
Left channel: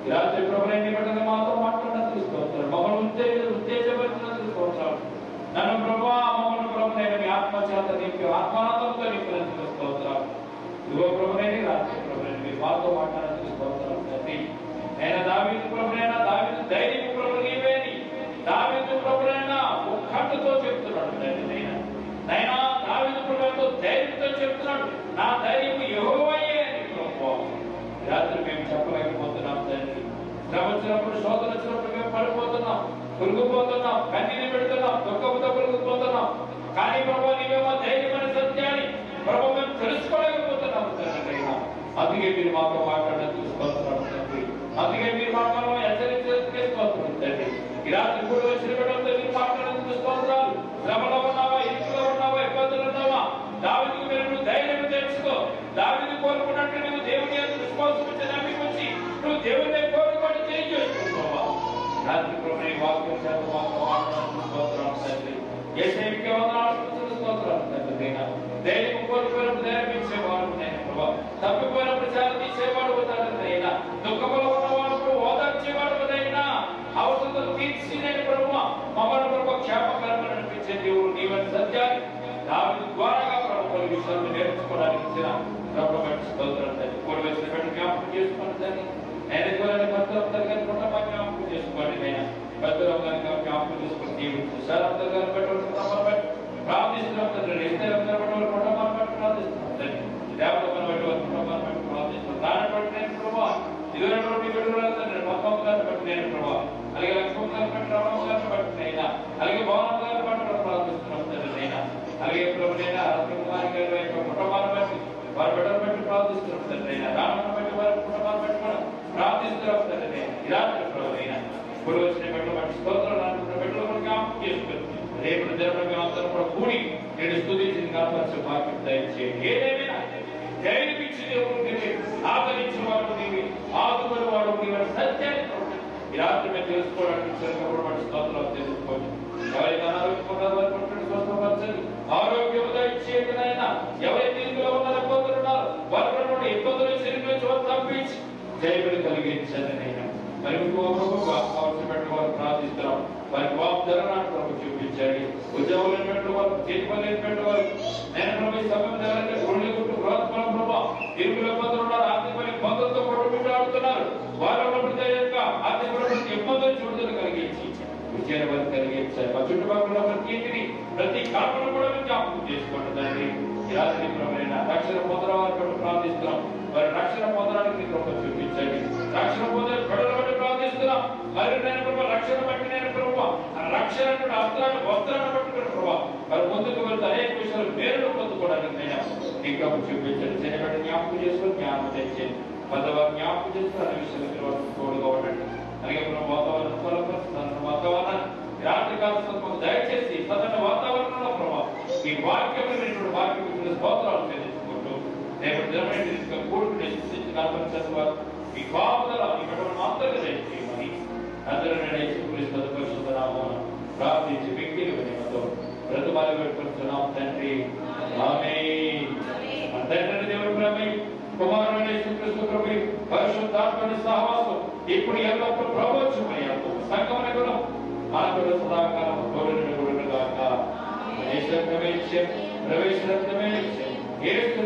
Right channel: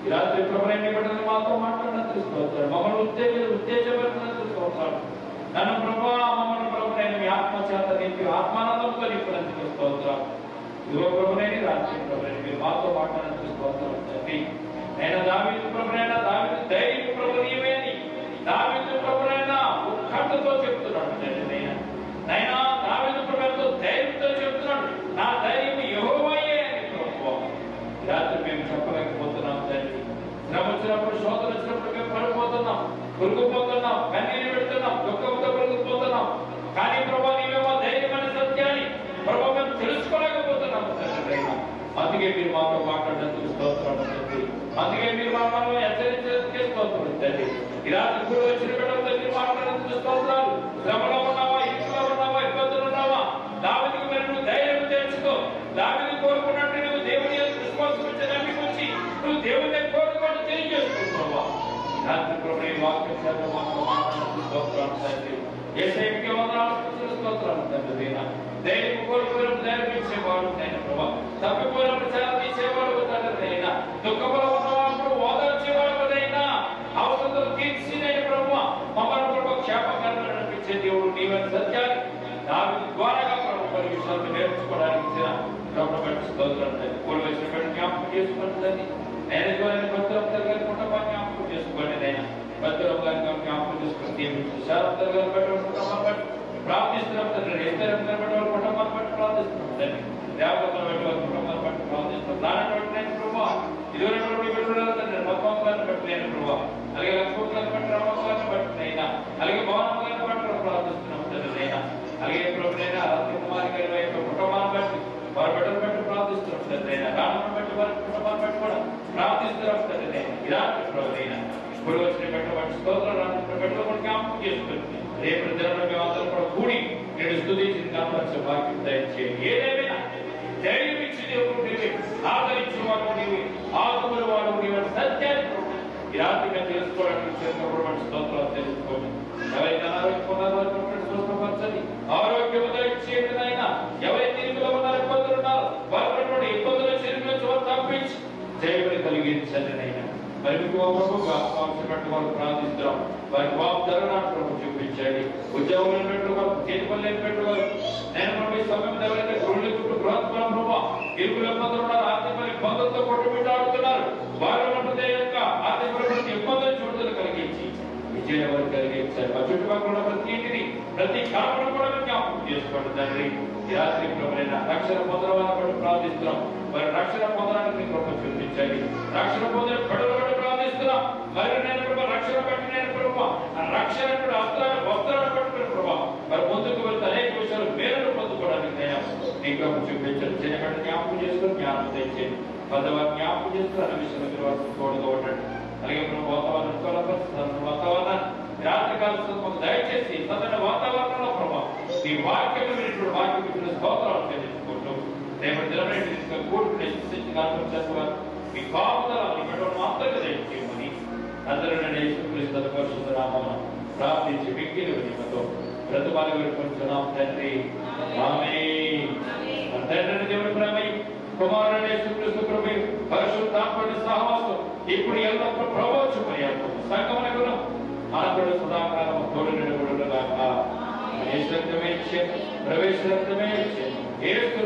ఈ రాత్రి ప్రభువైన మీ బిడ్డలు మాతో మాట్లాడినందుకు స్తోత్రాలు, మమ్మల్ని ఉత్తేజపరిచినందుకు స్తోత్రాలు. నన్ను ప్రభువా మమ్మల్ని ప్రభువైన మీ ఆత్మచేత నింపి ఆత్మానందంతో నింపినందుకు స్తోత్రాలు. ఇదిగో ప్రభువైన రాత్రి ప్రభువైన మీరు మాతో మాట్లాడినందుకు స్తోత్రాలు తండ్రి. నేను దావీదు ప్రభువైన దావీదు ధైర్యం ప్రభు నీవేని దావీదు ప్రభువైన ఉత్కంఠతో చెప్తున్నాడు తండ్రి. నైనా దావీదు ప్రభువుతో ధైర్యంతో చెప్తున్నాడు, నా ధైర్యం యెహోవాయే అని ప్రభువా. రాత్రి మేము చెప్పలేకపోతున్నాం తండ్రి. శ్రమ వచ్చినప్పుడు, శోధన వచ్చినప్పుడు మేము పడిపోతున్నాం, కురుగుపోతున్నాం, కన్నీరు పెడుతున్నాం, దుఃఖంతో కురుగుపోతున్నాం. కానీ ప్రభువా నీవేమో ధైర్యమైన సత్యాన్ని ప్రభువా మేము తెలుసుకోలేకపోతున్నాము తండ్రి. అందుకే మీరు మాతో మాట్లాడేందుకు స్తోత్రాలు తండ్రి. అందుకే మీరు మాతో హెచ్చరించేందుకు స్తోత్రాలు తండ్రి. ఈ రాత్రి కూడా వచ్చిన బిడ్డలతో మీరు మాట్లాడేందుకు స్తోత్రాలు. శ్రమలో ఉన్నావా, ఇంట్లో ఉన్నావా, ఇబ్బందులు ఉన్నావా, దావీదుకు మీరు ధైర్యం తెచ్చుకో. దావీదు కోరుకున్నట్టు నువ్వు దేవుని విశ్వాసం ఇచ్చే నమ్మికొచ్చి నువ్వు దేవుని కోరుకోవడం తెలియజేస్తున్నావా. రాత్రి కూడా వాక్యం మాట్లాడేందుకు స్తోత్రాలు తండ్రి. యేసయ్యకి వందనాలు స్తోత్రాలు తండ్రి. ధైర్యం కోల్పోయినప్పుడు ధైర్యం ఇచ్చేవాడు నేను ప్రభా, తప్పిపోయినప్పుడు సేవ తీసేవాడు తండ్రినైనా, దుఃఖంలో ఉన్నవాడు ఓదార్చేవాడునైనా, అవసరం తీర్చి నేను ప్రభా మమ్మల్ని ప్రభు క్షేమకరమైన అనిపించే దేవుడు నీవైన సత్యాన్ని దావీదు ద్వారాగా ప్రభు కొన్ని విషయాలు నేర్చుకోవడానికి ఇచ్చిన ప్రభుత్వ స్తోత్రం తండ్రి. కోడి వచ్చిన బట్టి జ్ఞాపకం చేసుకోండి తండ్రి. నేను ద్వారా భద్రవతర్ గారి కుటుంబాన్ని జ్ఞాపకం చేసుకోండి నైనా. భద్రవతర్ గారిని జ్ఞాపకం చేసుకుని దీవించు. శారదర్ గారిని బట్టి ప్రార్థిస్తున్నాం తండ్రి. ఇద్దరు కుటుంబాన్ని బట్టి ప్రార్థిస్తున్నాం తండ్రి. దేవతలను బట్టి వారి కుటుంబాన్ని బట్టి ప్రార్థిస్తున్నాం. దాన్ని బట్టి నేను ప్రభావ ఇదివరకు బిడ్డలు తండ్రి. పద్మం గారిని బట్టి నేను ప్రభావ, అలాగే లక్ష్మణ్ గారిని బట్టి, రామరావు గారిని బట్టి నైనా, అలాగే భవనం గారిని బట్టి ప్రార్థిస్తున్నాం తండ్రి నైనా. అలాగే ప్రభు నైనా రత్నకుమారి గారి యొక్క కుటుంబాన్ని బట్టి వారి బిడ్డలు బట్టి ప్రార్థిస్తున్నాం తండ్రి నైనా. రామను బట్టి వారి కుటుంబాన్ని బట్టి కూడా ప్రార్థిస్తున్నాం తండ్రి నైనా. ఇలాంటి ప్రభు నైనా ఇప్పుడు వచ్చిన బిడ్డలు బట్టి స్తోత్రాలు అనుకున్న బిడ్డలు కూడా జ్ఞాపకం చేసుకుంటుంది. రేపు జరగడం అందరూ కూడా కూడి నేను స్తుతించింది కాపాల్సిన భాగ్యం దయచేయండి. ఏదేమైనా ధైర్యం ఇచ్చి దేవుడు నీవే, ఆదరించిన వాడు నీవే, ఆదుకున్న వాడు నీవే సత్యాన్ని ఈ రాత్రి మేము తెలుసుకోవడానికి స్తోత్రాలు తెలుసుకోండి. ఎవరైతే అనారోగ్యం స్వస్థపరచండి, ఆరోగ్యంగా ఇచ్చేదైనా, ఎవరైతే ఇంట్లో ఉన్నారో ఇబ్బందులు ఉన్నారు వారి ఇబ్బందులు శరీరంలో తప్పించి జయములు కలిగించండి నైనా. మరి వాళ్ళు ప్రార్థిస్తున్నాం. వారికి వాగ్దానాన్ని ప్రభు చూపించండి. ఉద్యోగులు లేనట్టు వాళ్ళు, చేతిపని లేనట్టు వాళ్ళు, నేను ప్రభు సమయం ఎవరైతే గృహి గుట్టు గృహత్వం ప్రభావ ఇరుకుల ఇబ్బందులు ఉన్నారు, ఆర్థిక ఇబ్బందులతో కొట్టుబిట్టాడుతున్నారు, వారి యొక్క ఆర్థిక ఇబ్బందులు చూడలు కలిగించి విజయం వరకు కలిగించారు. మా చుట్టుపక్కల ప్రతి ఇంటిని, ప్రతి కాపును కూడా జ్ఞాపకం చేసుకోండి తండ్రి. ఈ రాత్రి ప్రభువైన రక్షణ పొందిన వారు ప్రార్థిస్తున్నాం. వారి రక్షణ పొందడానికి ప్రభు చూపించండి. రక్షణ పొందిన బిడ్డలు బట్టి ప్రార్థిస్తున్నాం. మరి నేను ప్రభు రక్షణ బట్టి నేను ప్రభు రక్షణ వస్త్రాన్ని పట్టుకుని ప్రభావ మరి ముందుకు వెళ్తే అనేక విషయాలు మేలు పొందుకోవడానికి నేను నీ ప్రభు చూపించండి. చేయబట్టి జ్ఞాపకం చేసుకుని జ్ఞానం తెచ్చేది పెద్దవారు జ్ఞాపకం చేసుకుని అనే విషయాలు తోడుగా ఉండండి. అలాగే ప్రభు వాతావరణాన్ని రాత్రి కాలం దయచేసి సరైన వాతావరణంలో ప్రభావ ఈ వాక్యం స్తోత్రాలు చెల్లించుకుంటూ రేపటి దినం కూడుకుని వారు మీ కాపుదల ఇక్కడ మాత్రమే దయచేయమని అందరూ పరిశుద్ధ నామమున ప్రార్థించి మిక్కిలి వినయంతో ప్రతిమాలు వేడుకుంటున్నాం తండ్రి. ఆమేన్. తండ్రి దేవుని ప్రేమ, కుమారుని యేసుక్రీస్తు కృప, పరిశుద్ధాత్మని సహవాసం ఇప్పుడు ఎల్లప్పుడూ ప్రబోధమయ్యాడు సంగమునకు మనకుడు సదాకాలం తోడుగా ప్రవేశమే యేసు